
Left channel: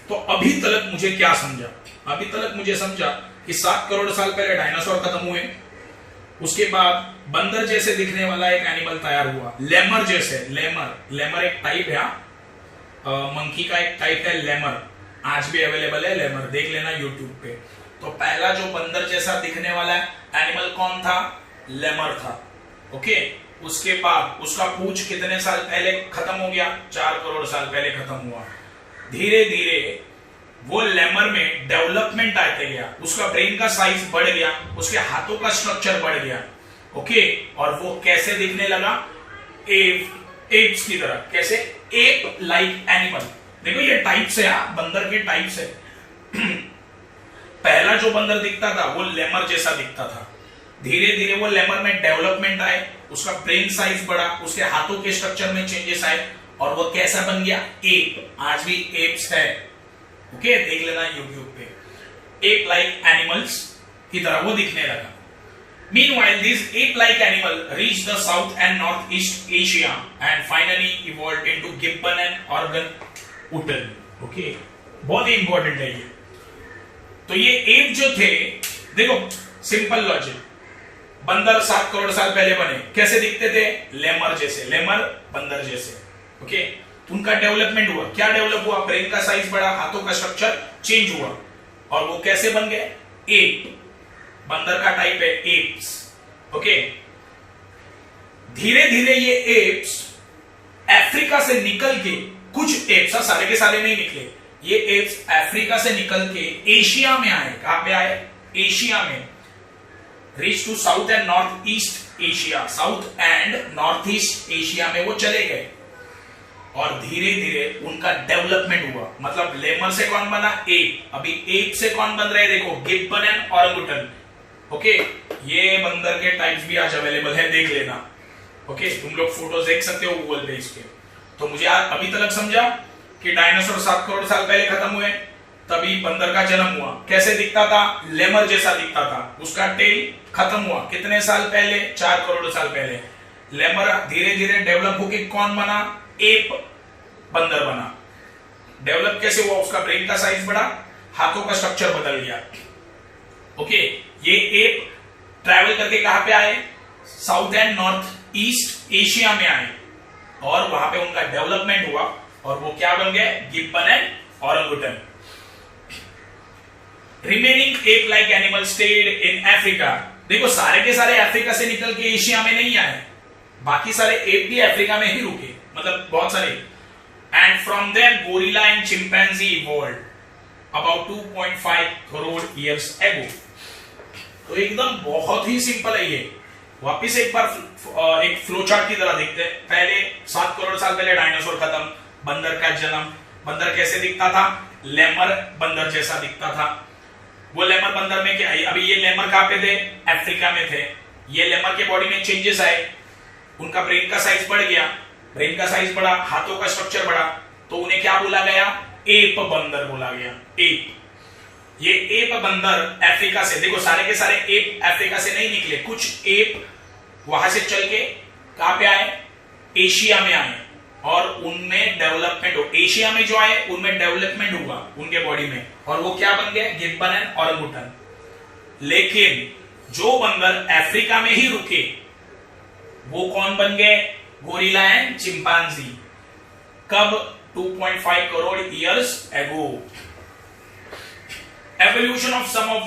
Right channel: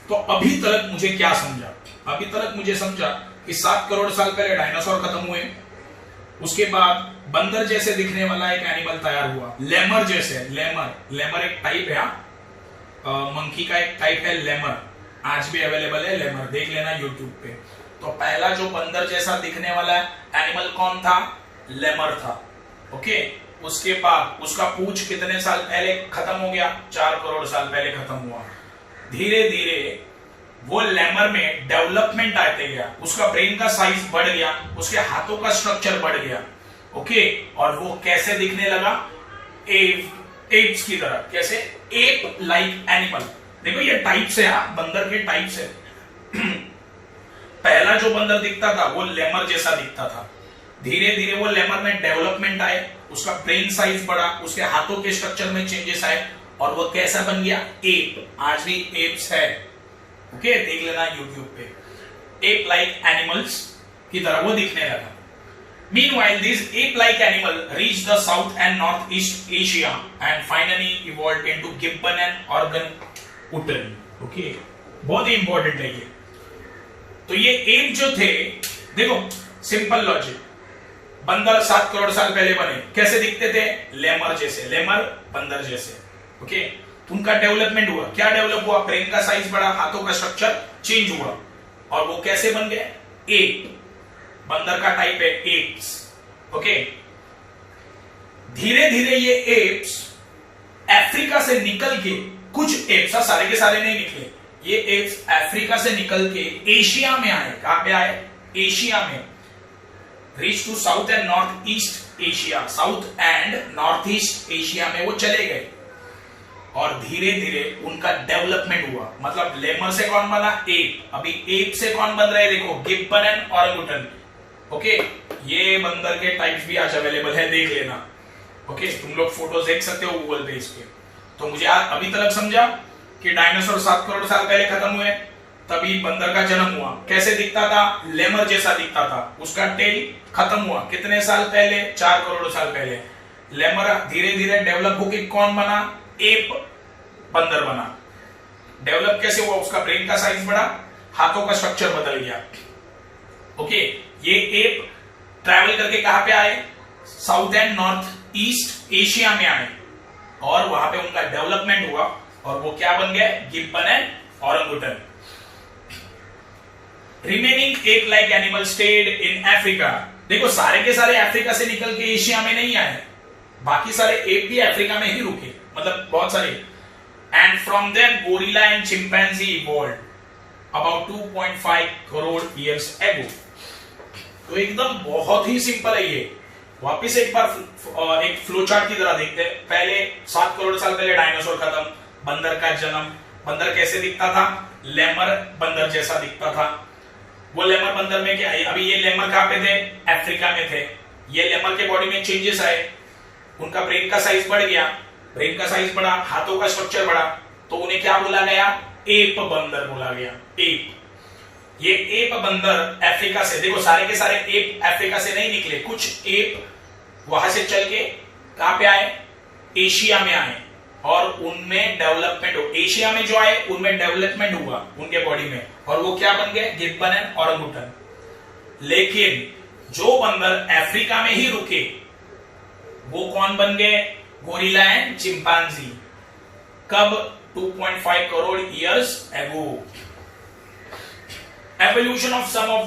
तो अभी तक मुझे क्या समझा, अभी तक मुझे समझा कि 7 करोड़ साल पहले डायनासोर खत्म हुए, उसके बाद बंदर जैसे दिखने वाला एक एनिमल तैयार हुआ, लेमर जैसे। लेमर एक टाइप है, मंकी का एक टाइप है लेमर, आज भी अवेलेबल है लेमर, देख लेना यूट्यूब पे। तो पहला जो बंदर जैसा दिखने वाला एनिमल कौन था, लेमर था। ओके, उसके बाद उसका पूंछ कितने साल पहले खत्म हो गया, 4 करोड़ साल पहले खत्म हुआ। धीरे धीरे वो लेमर में डेवलपमेंट आते गया, उसका ब्रेन का साइज बढ़ गया, उसके हाथों का स्ट्रक्चर बढ़ गया, ओके। और वो कैसे दिखने लगा? एप्स की तरह। कैसे? App like animal. देखो ये टाइप्स है, बंदर के टाइप्स है। पहला जो बंदर दिखता था वो लेमर जैसा दिखता था, धीरे धीरे वो लेमर में डेवलपमेंट आए, उसका ब्रेन साइज बढ़ा, उसके हाथों के स्ट्रक्चर में चेंजेस आए, और वो कैसा बन गया? एप। आज भी एप्स है, ओके, देख लेना यूट्यूब पे। एप लाइक एनिमल्स की तरह वो दिखने लगा। Meanwhile, these ape-like animals reached the South and Northeast Asia and finally evolved into gibbon and orangutan. Okay, बहुत ही इंपॉर्टेंट है ये। तो ये एप जो थे, देखो सिंपल लॉजिक, बंदर 7 करोड़ साल पहले बने, कैसे दिखते थे? लेमर जैसे, लेमर बंदर जैसे, ओके। उनका डेवलपमेंट हुआ, क्या डेवलप हुआ? ब्रेन का साइज बढ़ा, हाथों का स्ट्रक्चर चेंज हुआ, और वो कैसे बन गए? एप। बंदर का टाइप है एप्स, ओके। धीरे धीरे ये एप्स अफ्रीका से निकल के, कुछ एप्स, सारे के सारे नहीं निकले, ये एप्स अफ्रीका से निकल के एशिया में आए। कहां पे आए? एशिया में। Reach to south and north east Asia, south and north east Asia में वो चले गए, और धीरे धीरे उनका डेवलपमेंट हुआ। मतलब लेमर से कौन बना? एप। अभी एप से कौन बन रहे? देखो, गिब्बन एंड ओरंगुटन, ओके। ये बंदर के टाइप्स भी आज अवेलेबल है, देख लेना, ओके। तुम लोग फोटोज देख सकते हो गूगल पे इसके। तो मुझे अभी तक समझा कि डायनासोर 7 करोड़ साल पहले खत्म हुए, तभी बंदर का जन्म हुआ। कैसे दिखता था? लेमर जैसा दिखता था। उसका टेल खत्म हुआ कितने साल पहले? 4 करोड़ साल पहले। लेमर धीरे धीरे डेवलप होकर कौन बना? एप बंदर बना। डेवलप कैसे हुआ? उसका ब्रेन का साइज बढ़ा, हाथों का स्ट्रक्चर बदल गया, ओके। ये एप ट्रैवल करके कहां पे आए? South and north east Asia में आए, और वहां पे उनका डेवलपमेंट हुआ, और वो क्या बन गए? Gibbon and orangutan. Remaining ape like animal stayed in Africa. देखो, सारे के सारे अफ्रीका से निकल के एशिया में नहीं आए, बाकी सारे एप भी अफ्रीका में ही रुके, मतलब बहुत सारे। And from them gorilla and chimpanzee evolved about 2.5 crore years ago. तो एकदम बहुत ही सिंपल है ये। वापिस एक बार एक फ्लो चार्ट की तरह देखते हैं। पहले 7 करोड़ साल पहले डायनासोर खत्म, बंदर का जन्म। बंदर कैसे दिखता था? लेमर बंदर जैसा दिखता था। वो लेमर बंदर में क्या? अभी ये लेमर कहां पे थे? अफ्रीका में थे। ये लेमर के बॉडी में चेंजेस आए, उनका ब्रेन का साइज बढ़ गया, ब्रेन का साइज बढ़ा, हाथों का स्ट्रक्चर बढ़ा, तो उन्हें क्या बोला गया? एप बंदर बोला गया, एप। ये एप बंदर अफ्रीका से, देखो सारे के सारे एप अफ्रीका से नहीं निकले, कुछ एप वहां से चल के कहां पे आए? एशिया में आए, और उनमें डेवलपमेंट हो, एशिया में जो आए उनमें डेवलपमेंट हुआ उनके बॉडी में, और वो क्या बन गए? Gibbon and orangutan. लेकिन जो बंदर अफ्रीका में ही रुके वो कौन बन गए? Gorilla and chimpanzee. कब? 2.5 crore years ago. Evolution of some of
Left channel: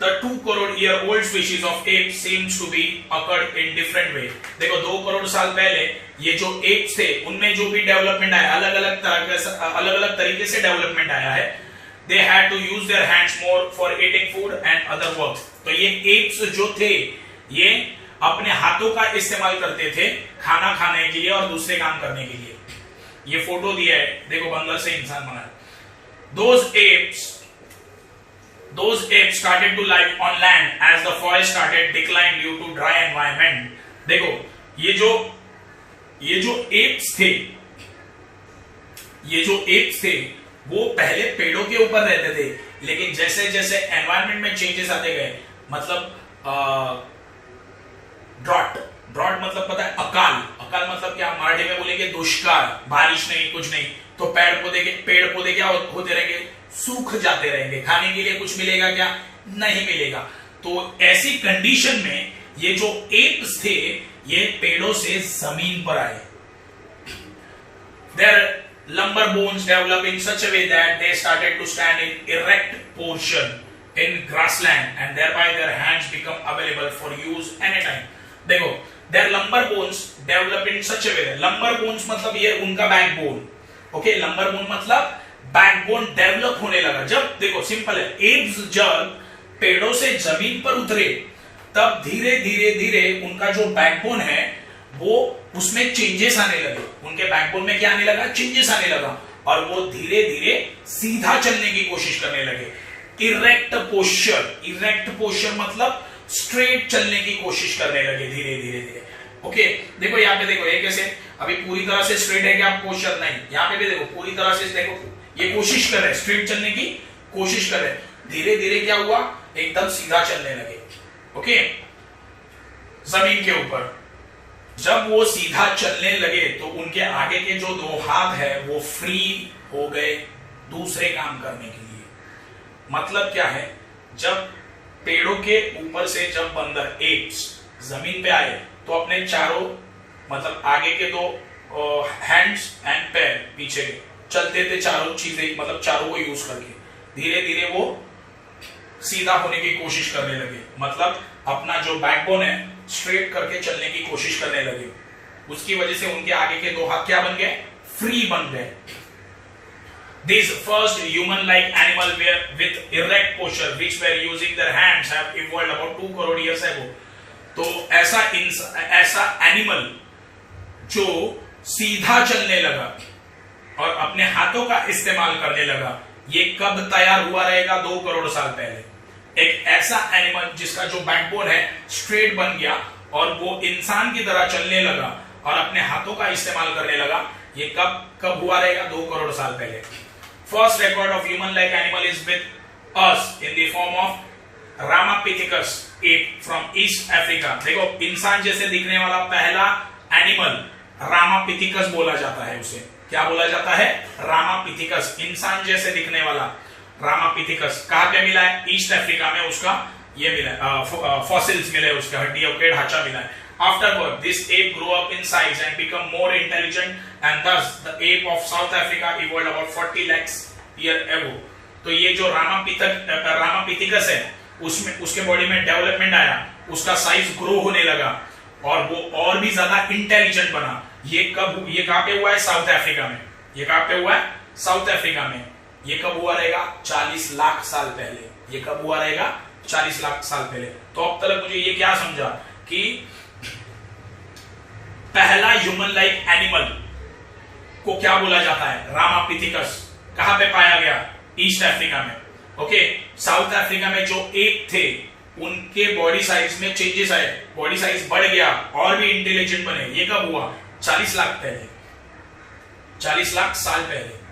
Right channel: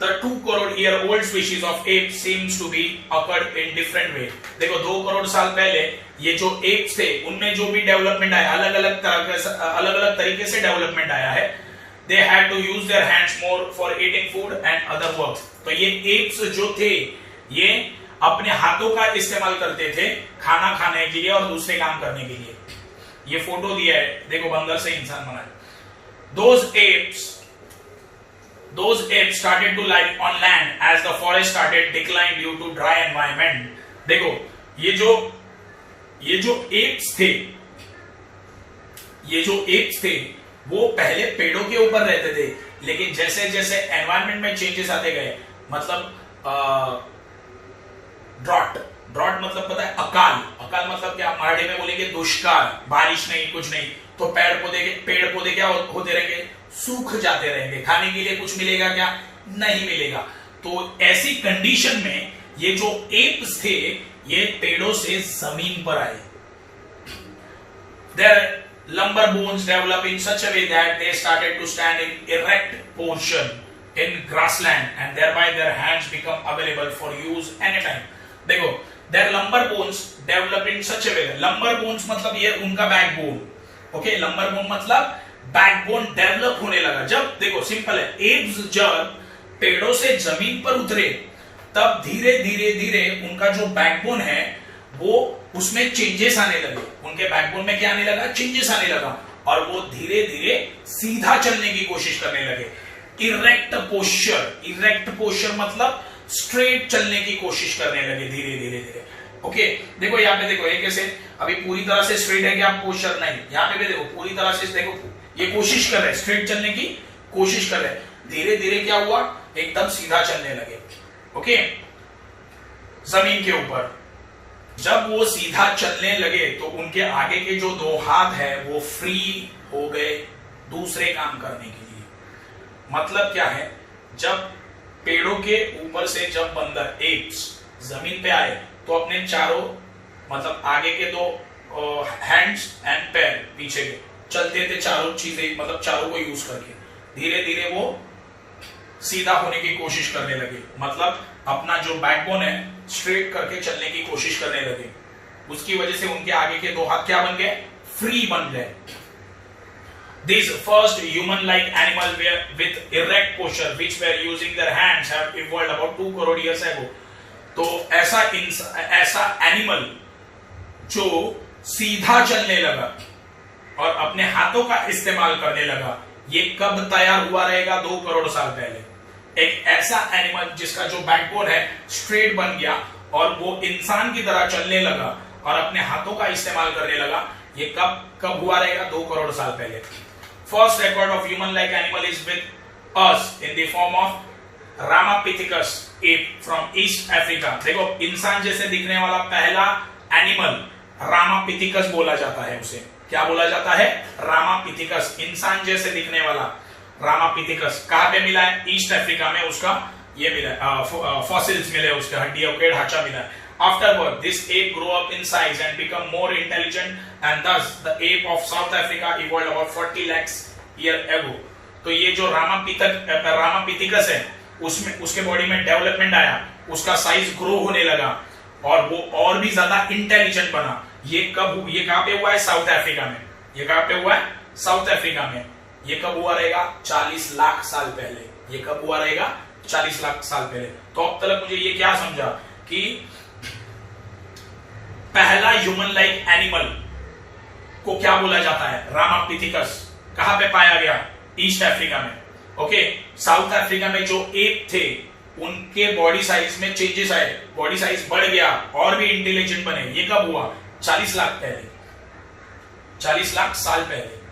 the 2 crore year old species of ape seems to be occurred in different way. देखो 2 करोड़ साल पहले ये जो apes थे उनमें जो भी डेवलपमेंट आया, अलग अलग तरीके से डेवलपमेंट आया है। They had to use their hands more for eating food and other works. तो ये apes जो थे ये अपने हाथों का इस्तेमाल करते थे खाना खाने के लिए और दूसरे काम करने के लिए। ये फोटो दिया है, देखो बंदर से इंसान बना है। Those apes started to live on land as the forest started decline due to dry environment. देखो ये जो apes थे वो पहले पेड़ों के ऊपर रहते थे, लेकिन जैसे जैसे एनवायरनमेंट में चेंजेस आते गए, मतलब ड्रॉट मतलब पता है? अकाल मतलब क्या? मराठी में बोलेंगे दुष्काल, बारिश नहीं, कुछ नहीं, तो पेड़ पौधे क्या होते रहेंगे? सूख जाते रहेंगे। खाने के लिए कुछ मिलेगा क्या? नहीं मिलेगा। तो ऐसी कंडीशन में ये जो एप्स थे ये पेड़ों से जमीन पर आए। Their lumbar bones developed in such a way that they started to stand in erect portion in grassland, and thereby their hands become available for use anytime. देखो, their lumbar bones developed in such a way. Lumbar bones मतलब ये उनका backbone, okay. lumbar bone मतलब backbone develop होने लगा। जब देखो simple है, एप्स जब पेड़ों से जमीन पर उतरे तब धीरे धीरे धीरे उनका जो बैकबोन है वो उसमें चेंजेस आने लगे। उनके बैकबोन में क्या आने लगा? चेंजेस आने लगा, और वो धीरे धीरे सीधा चलने की कोशिश करने लगे। इरेक्ट पोस्चर, इरेक्ट पोस्चर मतलब स्ट्रेट चलने की कोशिश करने लगे धीरे धीरे धीरे। ओके, देखो यहाँ पे देखो, ये कैसे अभी पूरी तरह से स्ट्रेट है क्या पोस्चर? नहीं। यहाँ पे भी देखो पूरी तरह से देखो ये कोशिश कर रहे हैं, स्ट्रेट चलने की कोशिश कर रहे हैं। धीरे धीरे क्या हुआ? एकदम सीधा चलने लगे। ओके, जमीन के ऊपर जब वो सीधा चलने लगे तो उनके आगे के जो दो हाथ है वो फ्री हो गए दूसरे काम करने के लिए। मतलब क्या है? जब पेड़ों के ऊपर से जब बंदर एप्स जमीन पे आए तो अपने चारों मतलब आगे के दो हैंड्स एंड पैर पीछे के चलते थे, चारों चीजें मतलब चारों को यूज करके धीरे धीरे वो सीधा होने की कोशिश करने लगे। मतलब अपना जो बैकबोन है स्ट्रेट करके चलने की कोशिश करने लगे। उसकी वजह से उनके आगे के दो हाथ क्या बन गए? फ्री बन गए। These first human-like animal were with erect posture, which were using their hands, have evolved about 2 crore years ago. तो ऐसा एनिमल जो सीधा चलने लगा और अपने हाथों का इस्तेमाल करने लगा, ये कब तैयार हुआ रहेगा? 2 करोड़ साल पहले। एक ऐसा एनिमल जिसका जो बैकबोन है स्ट्रेट बन गया और वो इंसान की तरह चलने लगा और अपने हाथों का इस्तेमाल करने लगा, ये कब हुआ रहेगा? 2 करोड़ साल पहले। First record of human-like animal is with us in the form of Ramapithecus ape from East Africa. देखो इंसान जैसे दिखने वाला पहला एनिमल रामापिथिकस बोला जाता है। उसे क्या बोला जाता है? रामापिथिकस। इंसान जैसे दिखने वाला रामापिथिकस कहाँ पे मिला है? ईस्ट अफ्रीका में उसका ये मिला है, फॉसिल्स मिले, उसके हड्डियों के ढांचा मिला है। Afterward, this ape grew up in size and become more intelligent, and thus the ape of South Africa evolved about 40 lakhs years ago. तो ये जो रामापिथिकस है उसमें उसके बॉडी में डेवलपमेंट आया, उसका साइज ग्रो होने लगा और वो और भी ज्यादा इंटेलिजेंट बना। ये कहाँ पे हुआ है? साउथ अफ्रीका में। ये कहाँ पे हुआ है? साउथ अफ्रीका में। ये कब हुआ रहेगा? 40 लाख साल पहले। ये कब हुआ रहेगा? 40 लाख साल पहले। तो अब तक मुझे ये क्या समझा कि पहला ह्यूमन लाइक एनिमल को क्या बोला जाता है? रामापिथिकस। कहां पे पाया गया? ईस्ट अफ्रीका में। ओके, साउथ अफ्रीका में जो एप थे उनके बॉडी साइज में चेंजेस आए, बॉडी साइज बढ़ गया और भी इंटेलिजेंट बने। ये कब हुआ? 40 लाख पहले, 40 लाख साल पहले।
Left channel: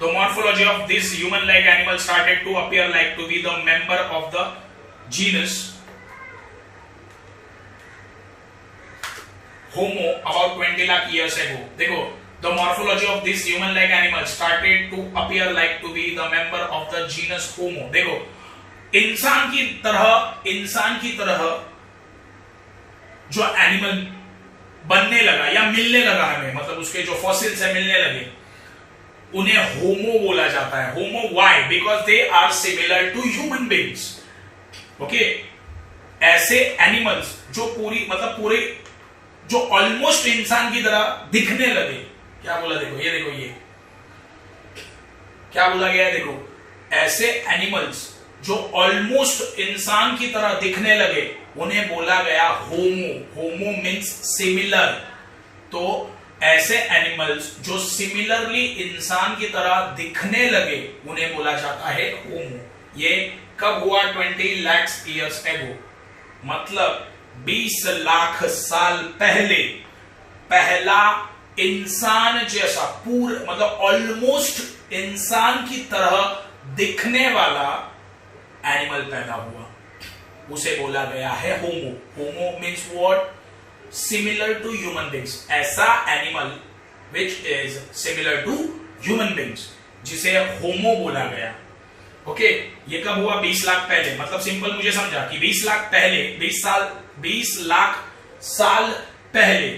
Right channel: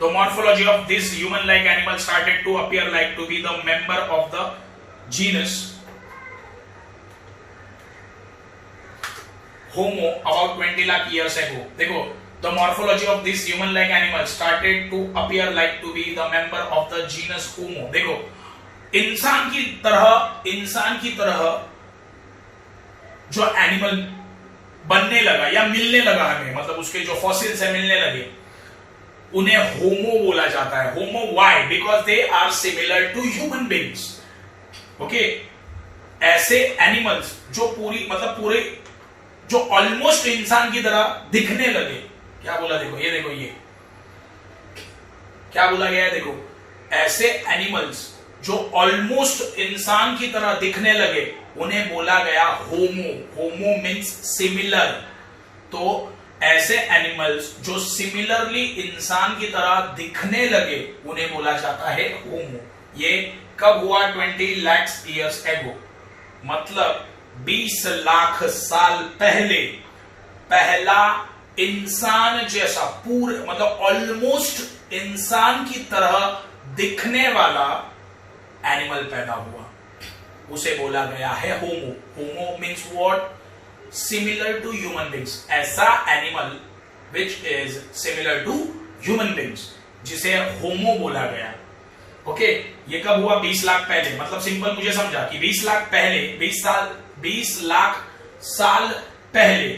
The morphology of this human-like animal started to appear like to be the member of the genus Homo about 20 lakh years ago. देखो, the morphology of this human-like animal started to appear like to be the member of the genus Homo. देखो, इंसान की तरह जो animal बनने लगा या मिलने लगा हमें, मतलब उसके जो फॉसिल्स है मिलने लगे, उन्हें होमो बोला जाता है। Homo why? Because they are similar to human beings. Okay, ऐसे एनिमल्स जो पूरे जो ऑलमोस्ट इंसान की तरह दिखने लगे। क्या बोला? देखो ये देखो, ये क्या बोला गया है? देखो, ऐसे एनिमल्स जो ऑलमोस्ट इंसान की तरह दिखने लगे उन्हें बोला गया होमो। Homo means similar. तो ऐसे एनिमल्स जो सिमिलरली इंसान की तरह दिखने लगे उन्हें बोला जाता है होमो। ये कब हुआ? 20 lakhs years ago। मतलब 20 लाख साल पहले पहला इंसान जैसा मतलब ऑलमोस्ट इंसान की तरह दिखने वाला एनिमल पैदा हुआ, उसे बोला गया है homo. Homo means what? Similar to human beings. ऐसा animal which is similar to human beings, जिसे होमो बोला गया। ओके, ये कब हुआ? 20 लाख पहले। मतलब सिंपल मुझे समझा कि 20 लाख पहले, 20 लाख साल पहले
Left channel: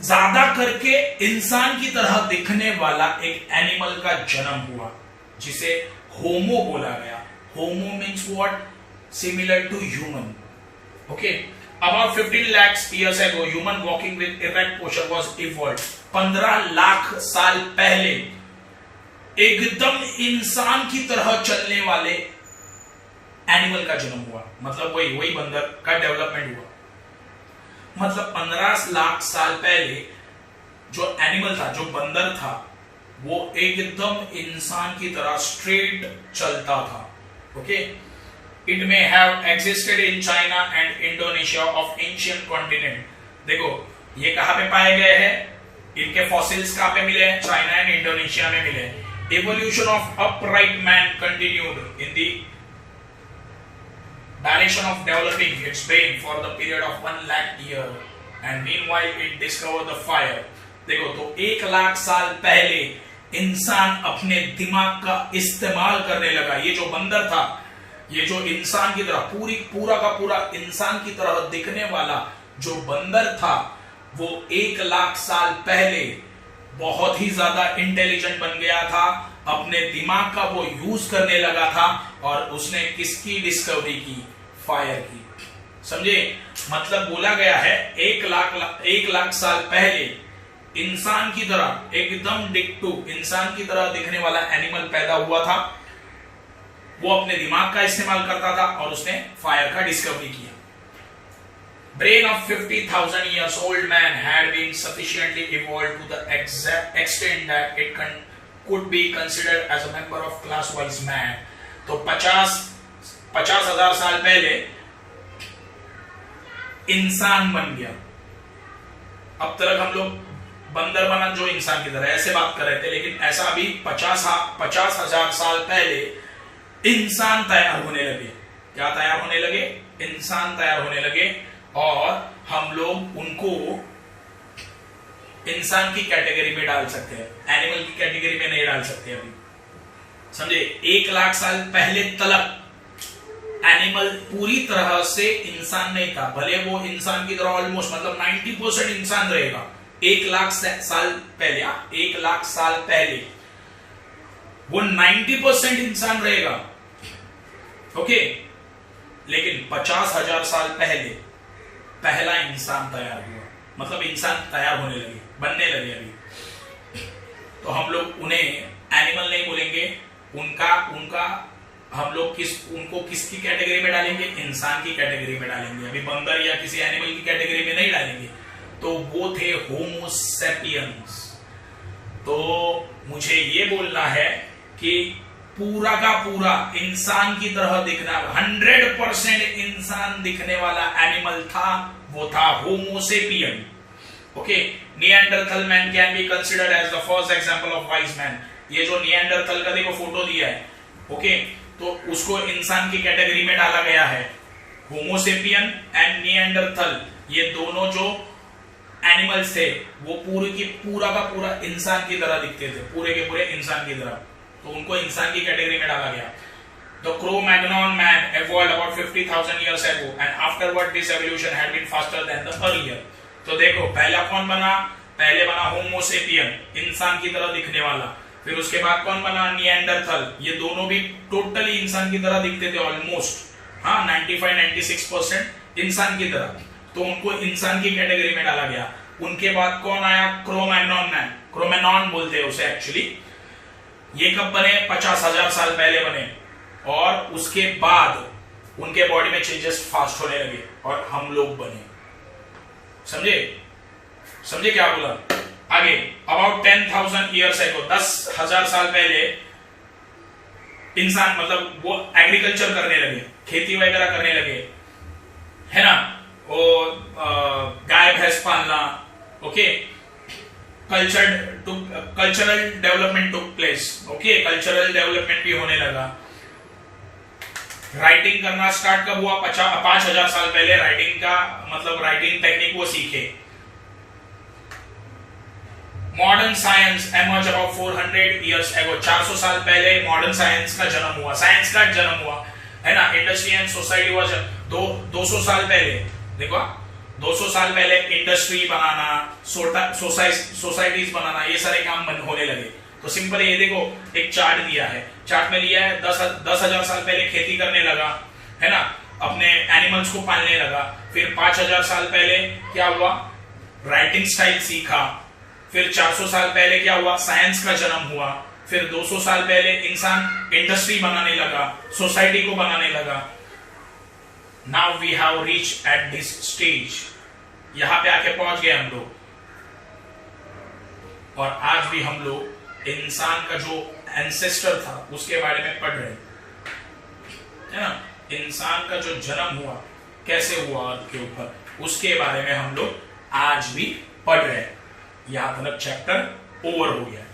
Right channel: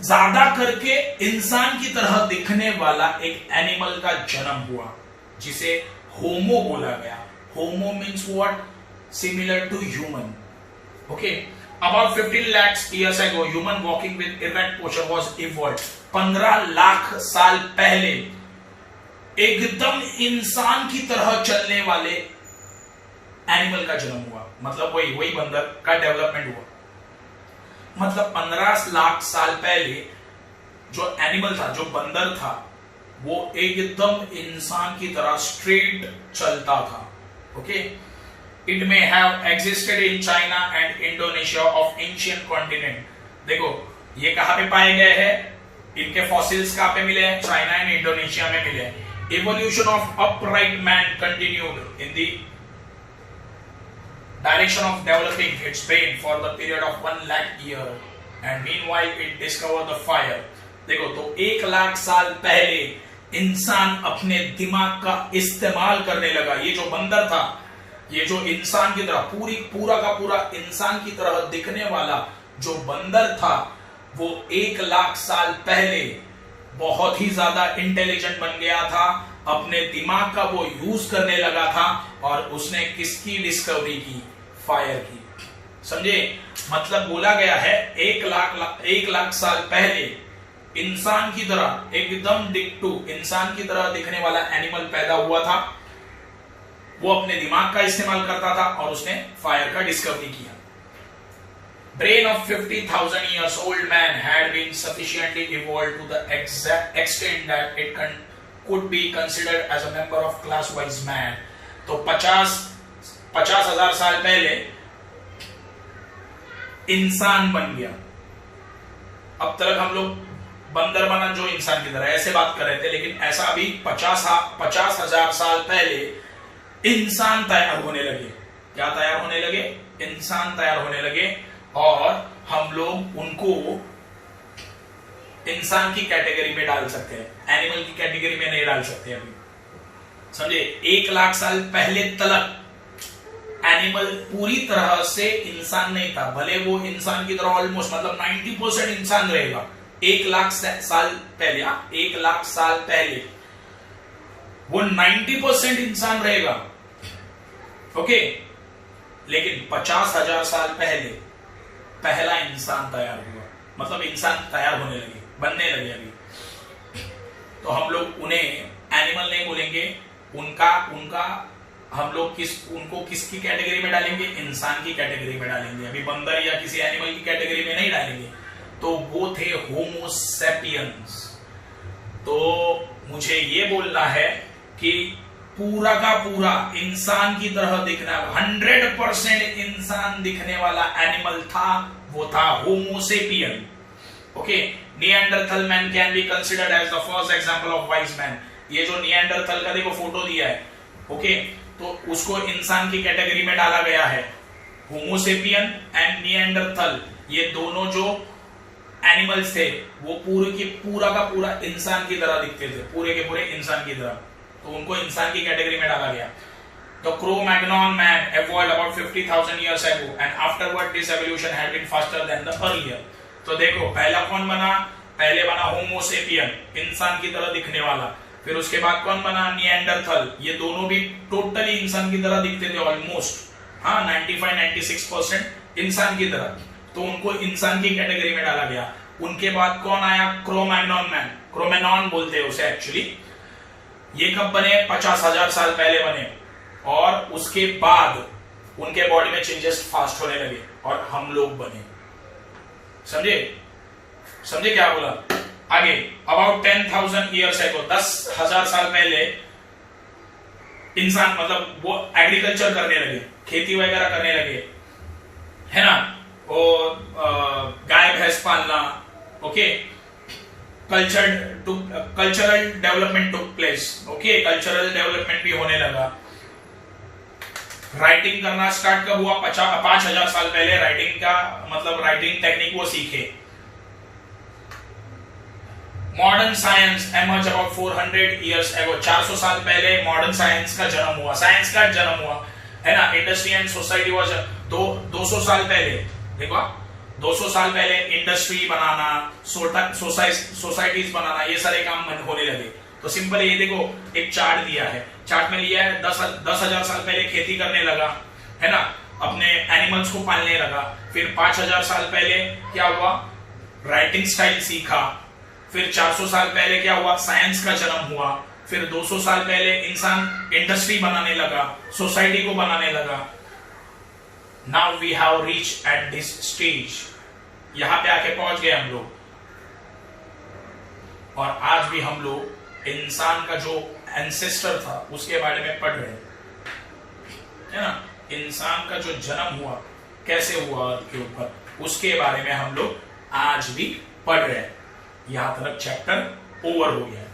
ज्यादा करके इंसान की तरह दिखने वाला एक एनिमल का जन्म हुआ जिसे होमो बोला गया। Homo means what? Similar to human. Okay, about 15 lakhs years ago, human walking with erect posture was evolved. 15 lakh साल पहले एकदम इंसान की तरह चलने वाले एनिमल का जन्म हुआ। मतलब वही बंदर का डेवलपमेंट हुआ। मतलब 15 लाख साल पहले जो एनिमल था, जो बंदर था, वो एकदम इंसान की तरह स्ट्रेट चलता था। Okay, it may have existed in China and Indonesia of ancient continent. देखो ये कहां पे पाए गए हैं, इनके फॉसिल्स कहां पे मिले हैं, चाइना एंड इंडोनेशिया में मिले हैं। Evolution of upright man continued in the direction of developing its brain for the period of 1 lakh year and meanwhile it discovered the fire। देखो तो 1 लाख साल पहले इंसान अपने दिमाग का इस्तेमाल करने लगा। ये जो बंदर था, ये जो इंसान की तरह पूरा का पूरा इंसान की तरह दिखने वाला जो बंदर था, वो 1 लाख साल पहले बहुत ही ज्यादा इंटेलिजेंट बन गया था। अपने दिमाग का वो यूज करने लगा था और उसने किसकी डिस्कवरी की, फायर की। समझे, मतलब बोला गया है 1 लाख साल पहले इंसान की तरह एकदम डिक्टू इंसान की तरह दिखने वाला एनिमल पैदा हुआ था। वो अपने दिमाग का इस्तेमाल करता था और उसने फायर का डिस्कवरी किया। Brain of 50,000 years old man had been sufficiently evolved to the exact extent that it could be considered as a member of class wise man। तो 50,000 साल पहले इंसान बन गया। अब तक हम लोग बंदर बना जो इंसान की तरह ऐसे बात कर रहे थे, लेकिन ऐसा अभी 50,000 साल पहले इंसान तैयार होने लगे। क्या तैयार होने लगे? इंसान तैयार होने लगे और हम लोग उनको इंसान की कैटेगरी में डाल सकते हैं, एनिमल की कैटेगरी में नहीं डाल सकते अभी। समझे, 1 लाख साल पहले तलक एनिमल पूरी तरह से इंसान नहीं था। भले वो इंसान की तरह ऑलमोस्ट मतलब 90% इंसान रहेगा 1 लाख साल पहले। 1 लाख साल पहले वो 90% इंसान रहेगा। ओके, लेकिन 50,000 साल पहले पहला इंसान तैयार हुआ। मतलब इंसान तैयार होने लगे, बनने लगे अभी। तो हम लोग उन्हें एनिमल नहीं बोलेंगे, उनका हम लोग उनको किसकी कैटेगरी में डालेंगे? इंसान की कैटेगरी में डालेंगे। अभी बंदर या किसी एनिमल की कैटेगरी में नहीं डालेंगे। तो वो थे होमो सैपियंस। तो मुझे ये बोलना है कि पूरा का पूरा इंसान की तरह दिखना 100% इंसान दिखने वाला एनिमल था, वो था homo sapien. Okay, Neanderthal man can be considered as the first example of wise man. ये जो निएंडरथल का देखो फोटो दिया है, ओके, तो उसको इंसान की कैटेगरी में डाला गया है। होमो सेपियन एंड निएंडरथल, ये दोनों जो एनिमल्स थे वो पूरा का पूरा इंसान की तरह दिखते थे, पूरे के पूरे इंसान की तरह। तो उनको इंसान की कैटेगरी में डाला गया। The Cro-Magnon man evolved about 50,000 years ago and afterward this evolution had been faster than the earlier। तो देखो पहला कौन बना? पहले बना होमो सेपियन, इंसान की तरह दिखने वाला। फिर उसके बाद कौन बना? निएंडरथल। ये दोनों भी टोटली इंसान की तरह दिखते थे ऑलमोस्ट, हाँ 95-96% इंसान की तरह। तो उनको इंसान की कैटेगरी में डाला गया। उनके बाद कौन आया? क्रोमैग्नॉन मैन, क्रोमैनॉन बोलते हैं उसे एक्चुअली। ये कब बने? 50,000 साल पहले बने और उसके बाद उनके बॉडी में चेंजेस फास्ट होने लगे और हम लोग बने। समझे क्या बोला? आगे अबाउट 10,000 years ago, 10,000 साल पहले इंसान मतलब वो एग्रीकल्चर करने लगे, खेती वगैरह करने लगे, है ना, और गाय भैंस पालना। Okay, cultural development took place. Okay, cultural development भी होने लगा। राइटिंग करना स्टार्ट कब हुआ? 5,000 साल पहले राइटिंग का मतलब राइटिंग टेक्निक वो सीखे। Modern science emerge about 400 years ago, 400 साल पहले मॉडर्न साइंस का जन्म हुआ, साइंस का जन्म हुआ, है ना। इंडस्ट्री एंड सोसाइटी वाज 200 साल पहले, देखो 200 साल पहले इंडस्ट्री बनाना, सोसाइटीज बनाना, ये सारे काम होने लगे। तो सिंपल ये देखो एक चार्ट दिया है, चार्ट में लिया है 10,000 साल पहले खेती करने लगा, है ना, अपने एनिमल्स को पालने लगा। फिर 5,000 साल पहले क्या हुआ? राइटिंग स्टाइल सीखा, फिर 400 साल पहले क्या हुआ, साइंस का जन्म हुआ। फिर 200 साल पहले इंसान इंडस्ट्री बनाने लगा, सोसाइटी को बनाने लगा। Now we have reach at this stage, यहां पे आके पहुंच गए हम लोग। और आज भी हम लोग इंसान का जो एंसेस्टर था उसके बारे में पढ़ रहे है ना। इंसान का जो जन्म हुआ, कैसे हुआ अर्थ के ऊपर, उसके बारे में हम लोग आज भी पढ़ रहे हैं। यहां तक चैप्टर ओवर हो गया है।